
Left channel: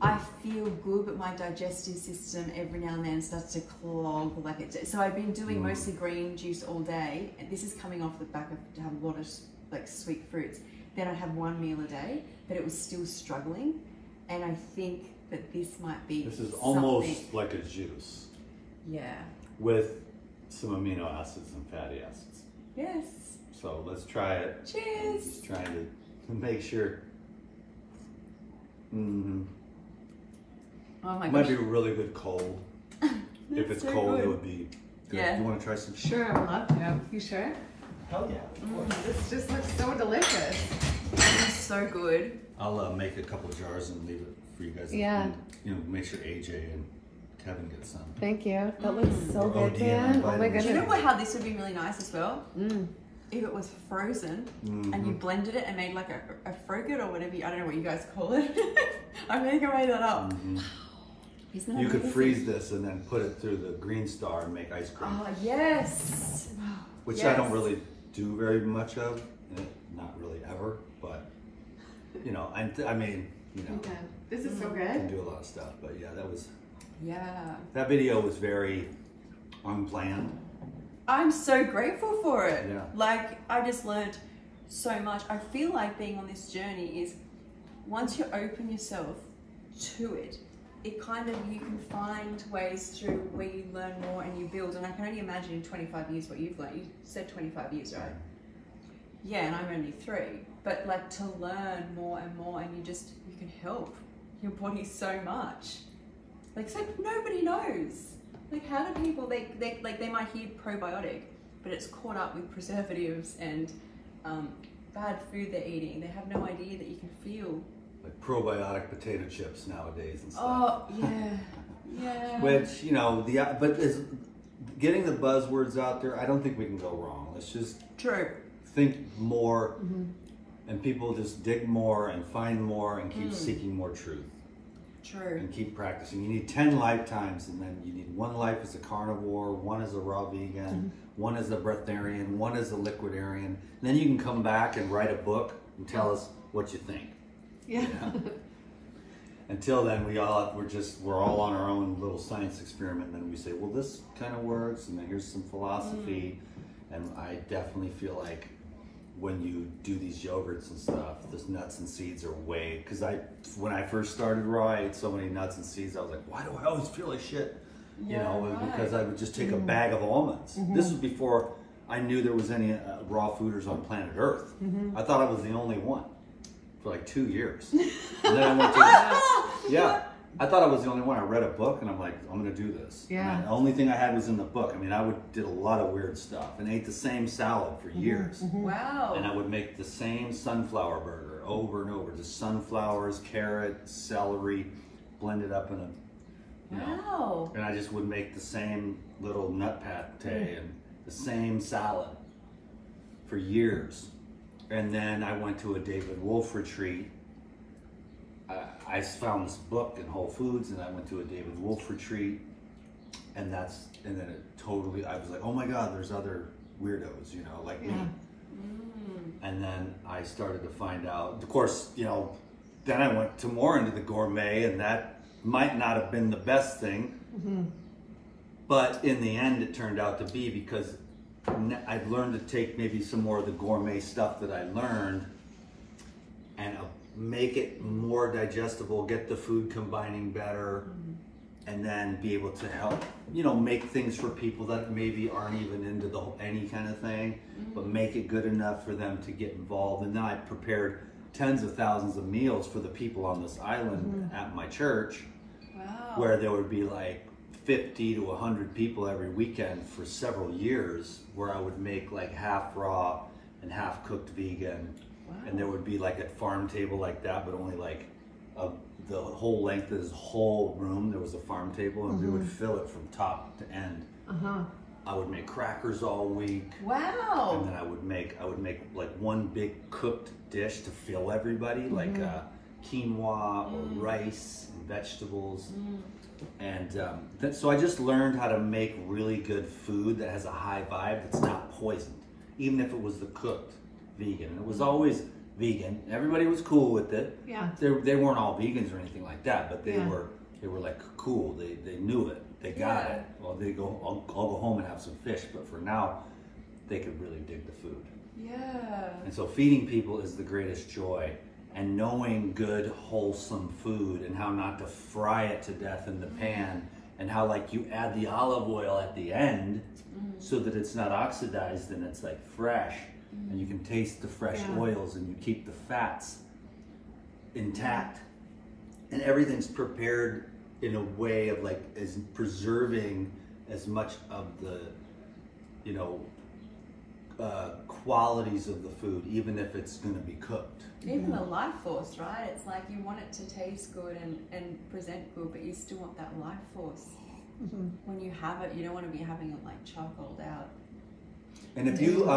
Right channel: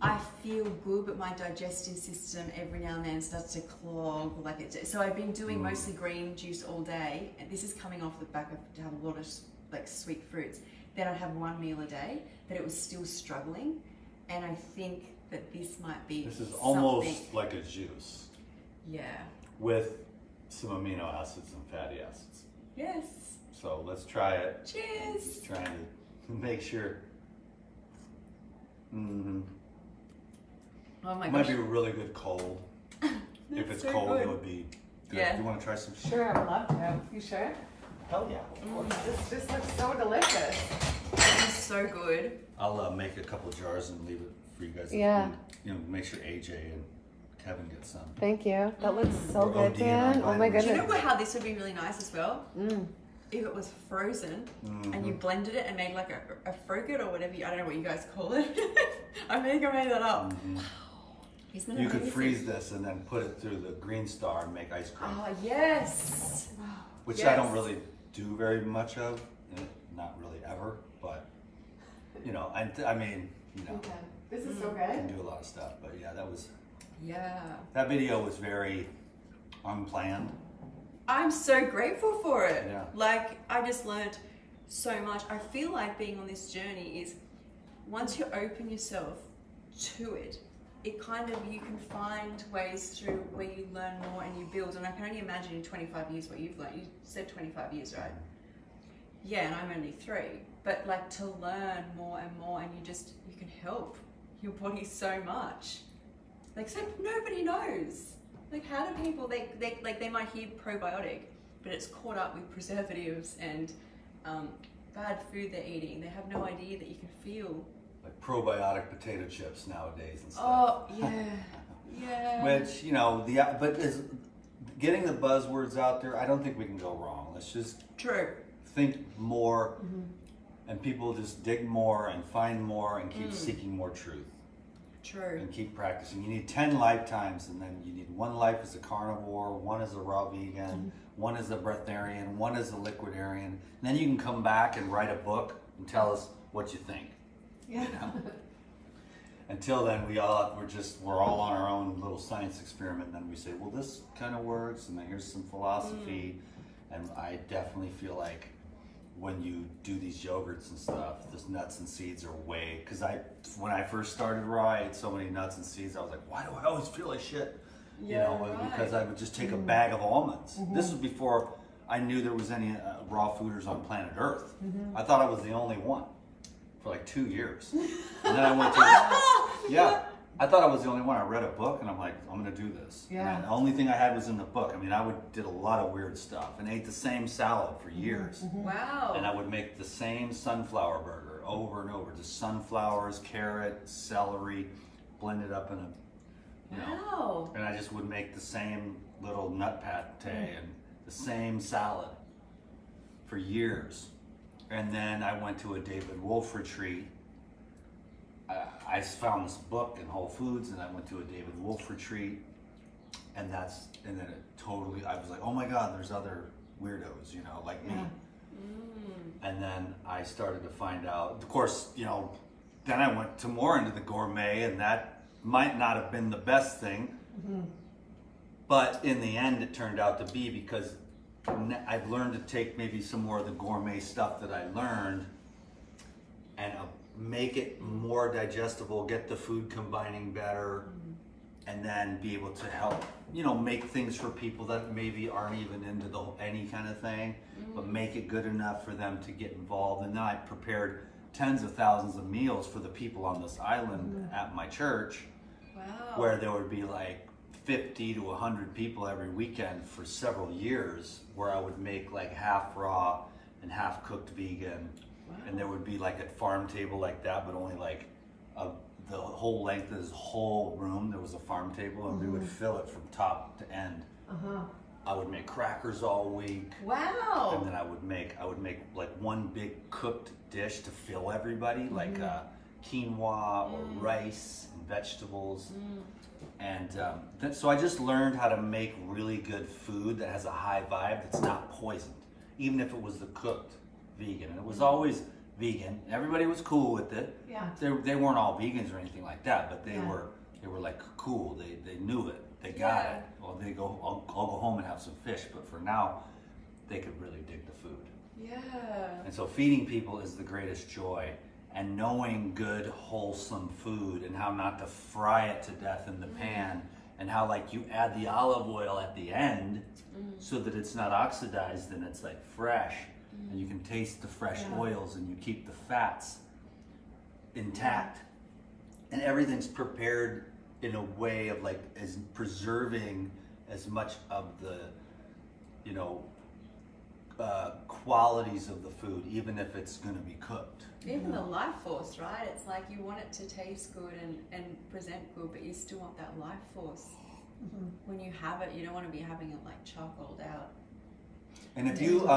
I feel good, but my digestive system every now and then starts to clog like it. So I've been doing mostly green juice all day, and this is coming off the back of to have a lot of like sweet fruits. Then I'd have one meal a day, but it was still struggling, and I think that this might be. This is something. almost like a juice Yeah. with some amino acids and fatty acids. Yes. So let's try it. Cheers. Just trying to make sure. Mm-hmm. Oh my Might gosh. be really good cold. If it's so cold, good. it would be good. Yeah. You want to try some? Sure, I would love to. You sure? Hell yeah. This just looks so delicious. It's so good. I'll make a couple jars and leave it for you guys. Yeah. And, you know, make sure AJ and Kevin get some. Thank you. That looks so We're good, ODing on Dan. Oh my vitamins. goodness. Do you know how this would be really nice as well? Mm. If it was frozen and you blended it and made like a frogurt or whatever, I don't know what you guys call it. I think I made that up. Isn't that You could amazing? freeze this and then put it through the green star and make ice cream, Oh, yes. which I don't yes. really do very much of, not really ever, but you know, I mean, you know, Okay. This is so I can good. do a lot of stuff, but yeah, Yeah. that video was very unplanned. I'm so grateful for it. Yeah. Like, I just learned so much. I feel like being on this journey is once you open yourself to it, it kind of, you can find ways through where you learn more and you build. And I can only imagine in 25 years what you've learned. You said 25 years, right? Yeah, and I'm only 3. But like to learn more and more, and you can help your body so much. Like, so nobody knows. Like, how do people, they might hear probiotic, but it's caught up with preservatives and bad food they're eating. They have no idea that you can feel. Like probiotic potato chips nowadays and stuff. Oh, yeah, yeah. Which, you know, but getting the buzzwords out there, I don't think we can go wrong. Let's just True. think more, and people just dig more and find more and keep seeking more truth True. and keep practicing. You need 10 lifetimes, and then you need 1 life as a carnivore, 1 as a raw vegan, 1 as a breatharian, 1 as a liquidarian. And then you can come back and write a book and tell us what you think. Yeah. Until then, we're all on our own little science experiment. And then we say, well, this kind of works, and then here's some philosophy. And I definitely feel like when you do these yogurts and stuff, those nuts and seeds are way, because when I first started raw, I ate so many nuts and seeds, I was like, why do I always feel like shit? Yeah, you know, right. because I would just take a bag of almonds. This was before I knew there was any raw fooders on planet Earth. I thought I was the only one for like 2 years. And then I went to, yeah, I thought I was the only one. I read a book and I'm like, I'm gonna do this. Yeah. And the only thing I had was in the book. I mean, did a lot of weird stuff and ate the same salad for years. Wow. And I would make the same sunflower burger over and over. Just sunflowers, carrot, celery, blended up in a, you know. Wow. And I just would make the same little nut pate and the same salad for years. And then I went to a David Wolf retreat. I found this book in Whole Foods and I went to a David Wolf retreat, and then it totally, I was like, oh my God, there's other weirdos, you know, like me. And then I started to find out, of course, you know, then I went to more into the gourmet, and that might not have been the best thing, but in the end it turned out to be, because I've learned to take maybe some more of the gourmet stuff that I learned and make it more digestible, get the food combining better, and then be able to help, you know, make things for people that maybe aren't even into any kind of thing, but make it good enough for them to get involved. And then I prepared tens of thousands of meals for the people on this island at my church, where there would be like 50 to 100 people every weekend for several years, where I would make like half raw and half cooked vegan. And there would be like a farm table like that, but only like the whole length of this whole room, there was a farm table, and we would fill it from top to end. I would make crackers all week. Wow. And then I would make like one big cooked dish to fill everybody, like quinoa or rice and vegetables. And so I just learned how to make really good food that has a high vibe, that's not poisoned, even if it was the cooked vegan. And it was always vegan. Everybody was cool with it. Yeah. They weren't all vegans or anything like that, but they were like cool. They knew it. They got it. Well, they go, I'll go home and have some fish, but for now, they could really dig the food. Yeah. And so feeding people is the greatest joy, and knowing good, wholesome food, and how not to fry it to death in the pan, and how like you add the olive oil at the end so that it's not oxidized and it's like fresh, and you can taste the fresh oils, and you keep the fats intact, and everything's prepared in a way of like as preserving as much of the, you know, qualities of the food, even if it's going to be cooked. Even the life force, right? It's like you want it to taste good and present good, but you still want that life force. When you have it, you don't want to be having it like charcoaled out. And if you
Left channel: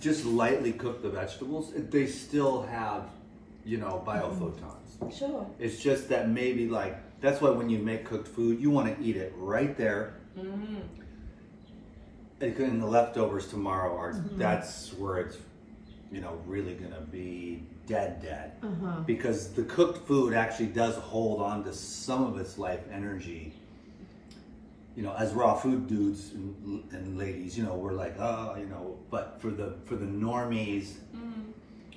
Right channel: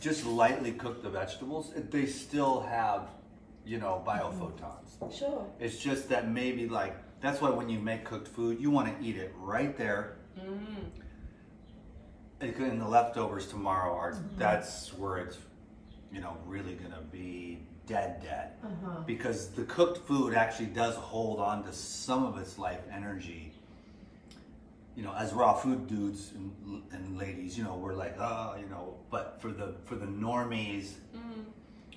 just lightly cook the vegetables, they still have, you know, biophotons. Sure. It's just that maybe like, that's why when you make cooked food, you want to eat it right there. And the leftovers tomorrow are, that's where it's, you know, really going to be dead. Because the cooked food actually does hold on to some of its life energy. You know, as raw food dudes and ladies, you know, we're like, oh, you know, but for the normies,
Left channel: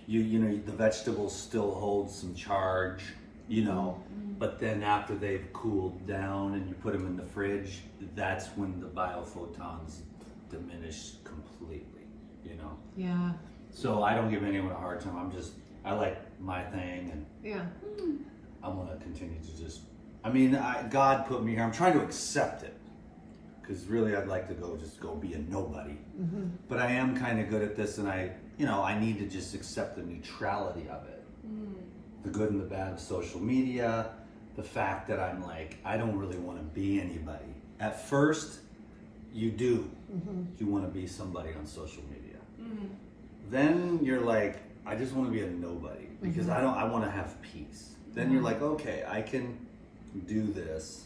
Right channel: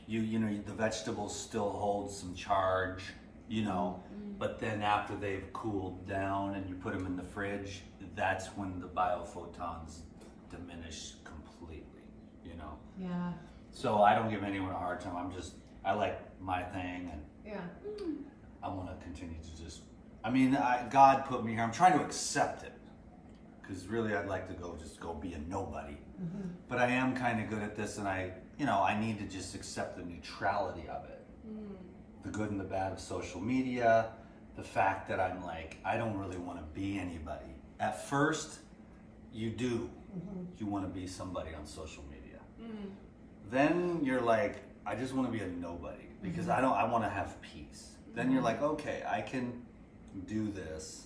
you know, the vegetables still hold some charge, you know, but then after they've cooled down and you put them in the fridge, that's when the biophotons diminish completely, you know. Yeah. So I don't give anyone a hard time. I like my thing, and I want to continue to just, I mean, God put me here. I'm trying to accept it, because really I'd like to go be a nobody. But I am kind of good at this, and I need to just accept the neutrality of it. The good and the bad of social media, the fact that I'm like, I don't really want to be anybody. At first, you do. You want to be somebody on social media. Then you're like, I just want to be a nobody, because I want to have peace. Then you're like, okay, I can do this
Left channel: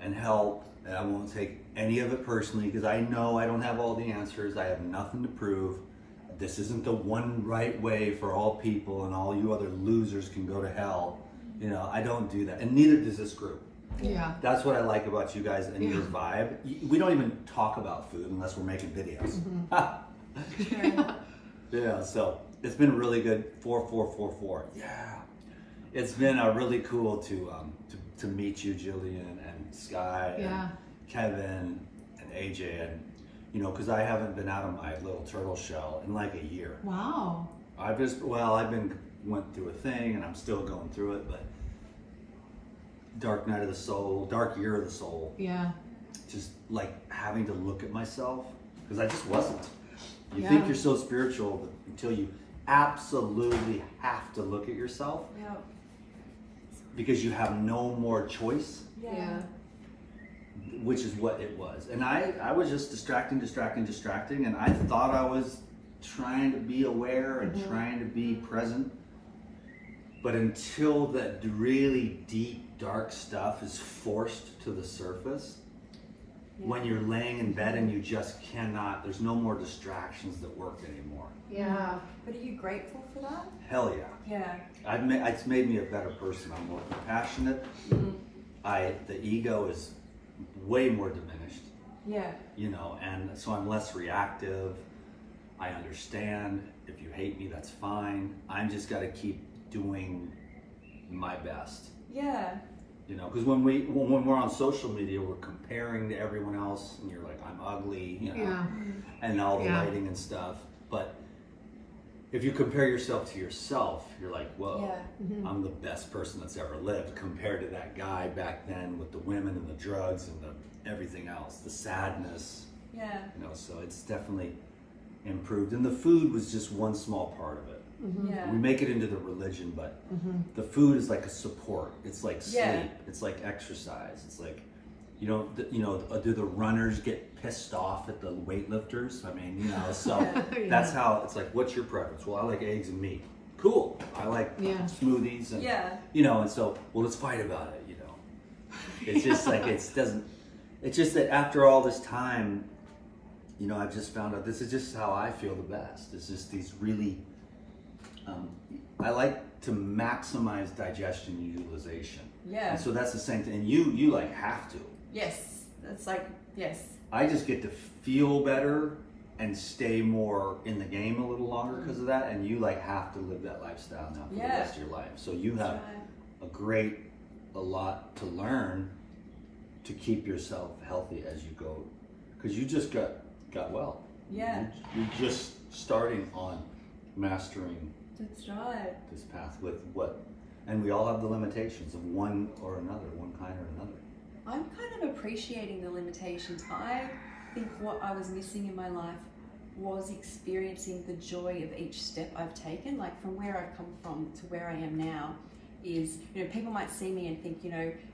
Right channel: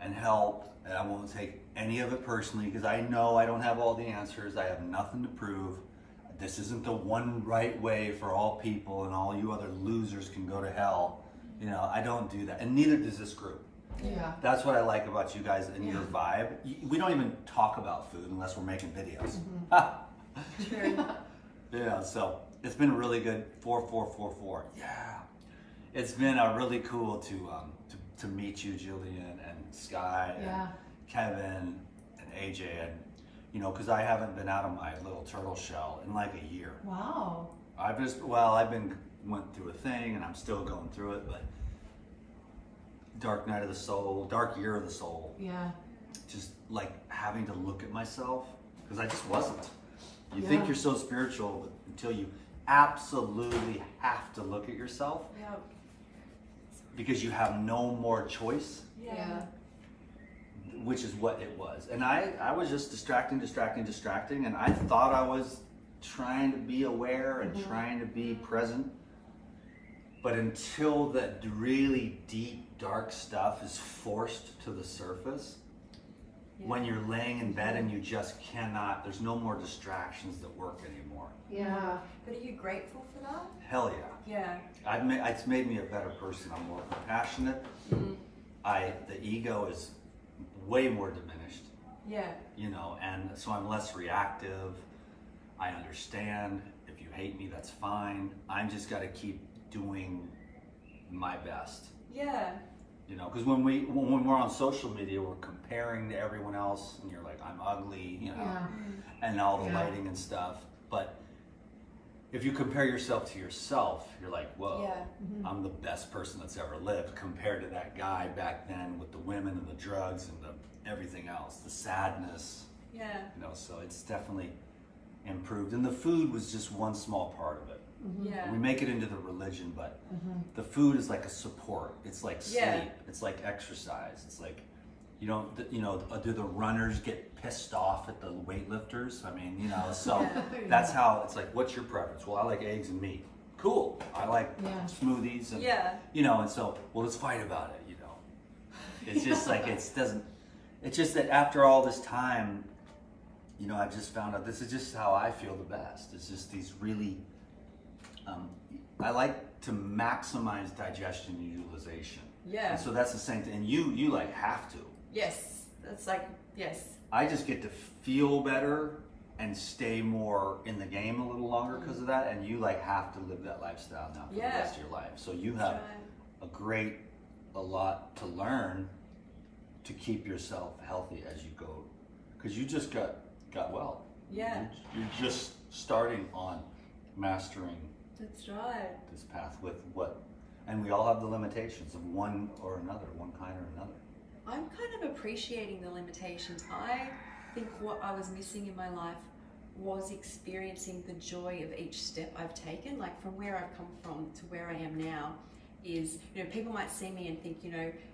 and help, and I won't take any of it personally, because I know I don't have all the answers. I have nothing to prove. This isn't the one right way for all people, and all you other losers can go to hell. You know, I don't do that, and neither does this group. Yeah. That's what I like about you guys and your vibe. We don't even talk about food unless we're making videos. Yeah, so it's been really good. 4444. Yeah. It's been really cool to meet you, Jillian, and Sky, and Kevin, and AJ, and because I haven't been out of my little turtle shell in like a year. Wow. I've went through a thing, and I'm still going through it, but dark night of the soul, dark year of the soul. Yeah. Just like having to look at myself, because I just wasn't. You think you're so spiritual, but until you absolutely have to look at yourself, because you have no more choice. Yeah. Which is what it was. And I was just distracting, and I thought I was trying to be aware and trying to be present. But until that really deep, dark stuff is forced to the surface, when you're laying in bed and you just cannot, there's no more distractions that work anymore. Yeah. But are you grateful for that? Hell yeah. Yeah. It's made me a better person. I'm more compassionate. The ego is way more diminished. Yeah. And so I'm less reactive. I understand. If you hate me, that's fine. I just got to keep doing my best. Yeah. Because when we're on social media, we're comparing to everyone else, and you're like, I'm ugly, and all the lighting and stuff. But if you compare yourself to yourself, you're like, whoa, I'm the best person that's ever lived compared to that guy back then with the women and the drugs and the everything else, the sadness. Yeah. So it's definitely improved. And the food was just one small part of it. Yeah. We make it into the religion, but the food is like a support. It's like sleep. It's like exercise. It's like, do the runners get pissed off at the weightlifters? I mean, so that's how it's like, what's your preference? Well, I like eggs and meat. Cool. I like smoothies and, and so, well, let's fight about it, It's just like, it's just that after all this time, I've just found out this is just how I feel the best. It's just these really, I like to maximize digestion and utilization. Yeah. And so that's the same thing. And you like have to. Yes. That's like, yes. I just get to feel better and stay more in the game a little longer because of that. And you like have to live that lifestyle now for the rest of your life. So you have a lot to learn to keep yourself healthy as you go. Because you just got well. Yeah. You're just starting on mastering That's right. this path with what, and we all have the limitations of one or another, one kind or another. I'm kind of appreciating the limitations. I think what I was missing in my life was experiencing the joy of each step I've taken. Like from where I've come from to where I am now is, people might see me and think,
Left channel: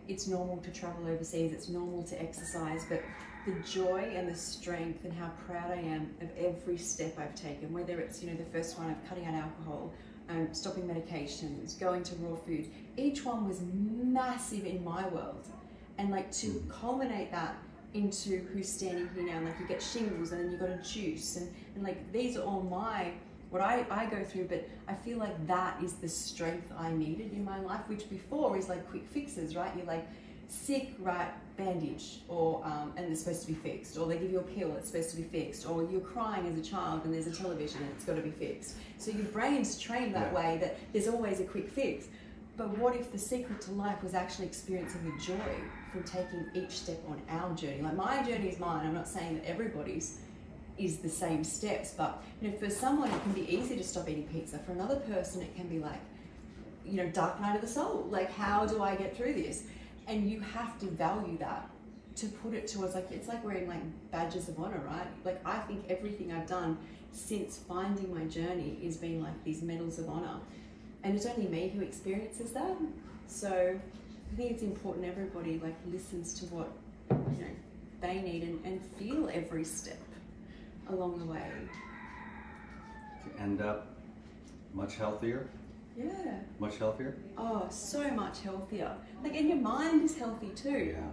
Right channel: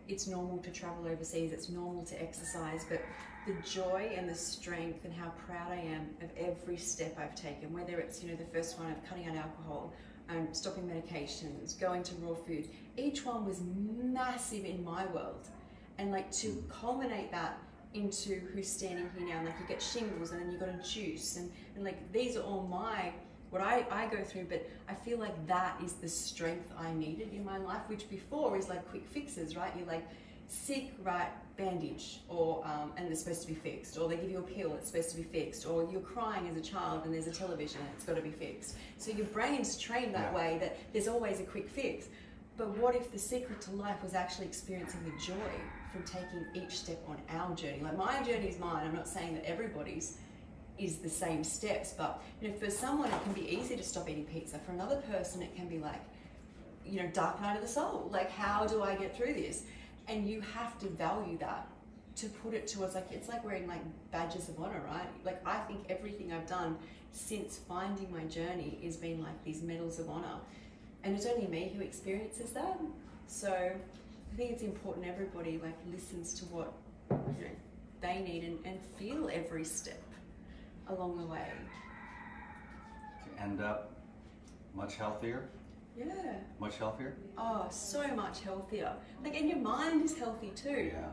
it's normal to travel overseas, it's normal to exercise, but the joy and the strength and how proud I am of every step I've taken, whether it's, the first one of cutting out alcohol, stopping medications, going to raw foods, each one was massive in my world. And like to culminate that into who's standing here now, and like you get shingles and then you got a juice and like these are all what I go through, but I feel like that is the strength I needed in my life, which before is like quick fixes, right? You're like sick, right, bandage, or and it's supposed to be fixed, or they give you a pill, it's supposed to be fixed, or you're crying as a child and there's a television and it's got to be fixed. So your brain's trained that way that there's always a quick fix. But what if the secret to life was actually experiencing the joy from taking each step on our journey? Like my journey is mine. I'm not saying that everybody's is the same steps, but for someone it can be easy to stop eating pizza. For another person it can be like, dark night of the soul. Like, how do I get through this? And you have to value that to put it towards, like, it's like wearing like badges of honor, right? Like I think everything I've done since finding my journey is being like these medals of honor. And it's only me who experiences that. So I think it's important everybody like listens to what they need and feel every step along the way. To end up much healthier. Yeah. Much healthier? Oh, so much healthier. Like, and your mind is healthy too. Yeah.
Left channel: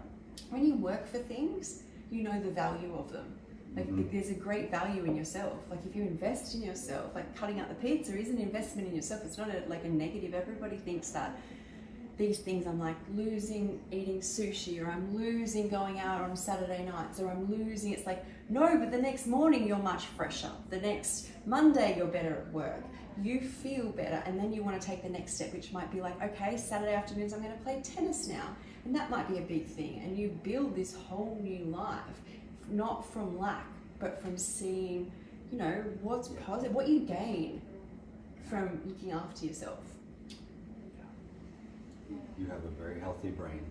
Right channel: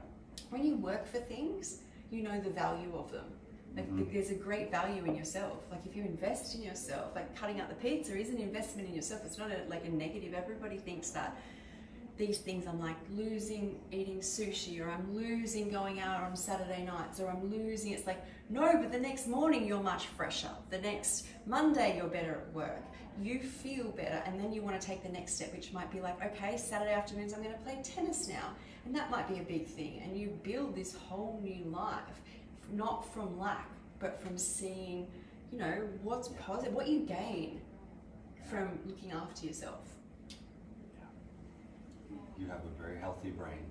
When you work for things, you know the value of them. Like there's a great value in yourself. Like if you invest in yourself, like cutting out the pizza is an investment in yourself. It's not like a negative. Everybody thinks that these things, I'm like losing eating sushi, or I'm losing going out on Saturday nights, or I'm losing, it's like, no, but the next morning you're much fresher. The next Monday you're better at work. You feel better, and then you want to take the next step, which might be like, okay, Saturday afternoons I'm going to play tennis now. And that might be a big thing. And you build this whole new life, not from lack, but from seeing, you know, what's positive, what you gain from looking after yourself. You have a very healthy brain.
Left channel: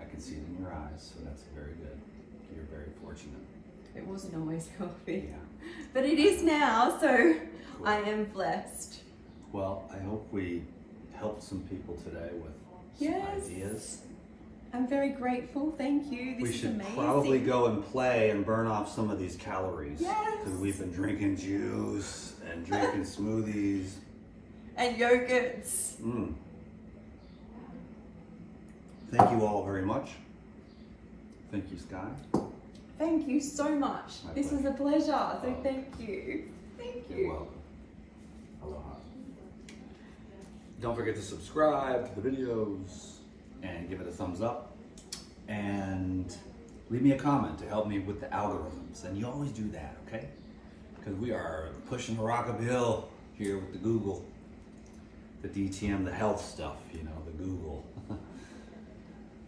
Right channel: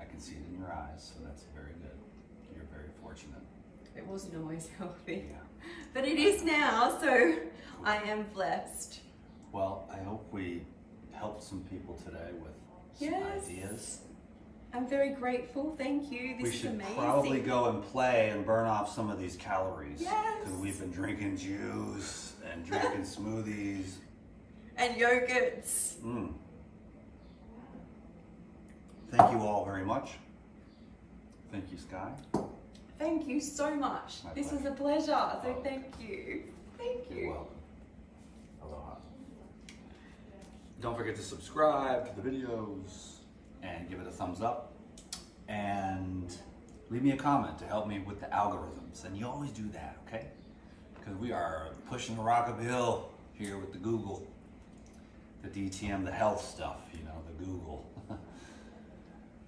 I can see it in your eyes, so that's very good. You're very fortunate. It wasn't always healthy, Yeah. but it is now, so I am blessed. Well, I hope we helped some people today with some Yes. ideas. I'm very grateful, thank you. This We is should amazing. probably go and play and burn off some of these calories. Yes. Because we've been drinking juice and drinking smoothies. And yogurts. Thank you all very much. Thank you, Sky. Thank you so much. My This was a pleasure, so Oh. thank you. Thank you. You're welcome. Aloha. Don't forget to subscribe to the videos and give it a thumbs up. And leave me a comment to help me with the algorithms. And you always do that, okay? Because we are pushing the rock uphill here with the Google, the DTM, the health stuff, you know, the Google.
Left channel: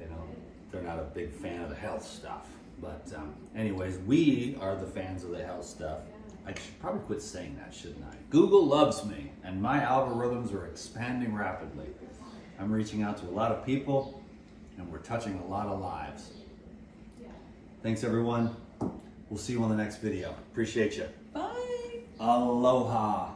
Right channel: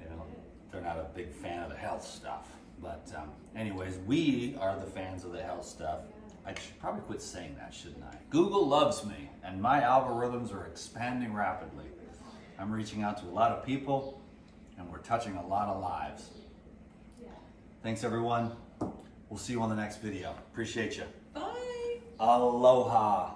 You know, they're not a big fan of the health stuff. But anyways, we are the fans of the health stuff. I should probably quit saying that, shouldn't I? Google loves me, and my algorithms are expanding rapidly. I'm reaching out to a lot of people, and we're touching a lot of lives. Thanks, everyone. We'll see you on the next video. Appreciate you. Bye. Aloha.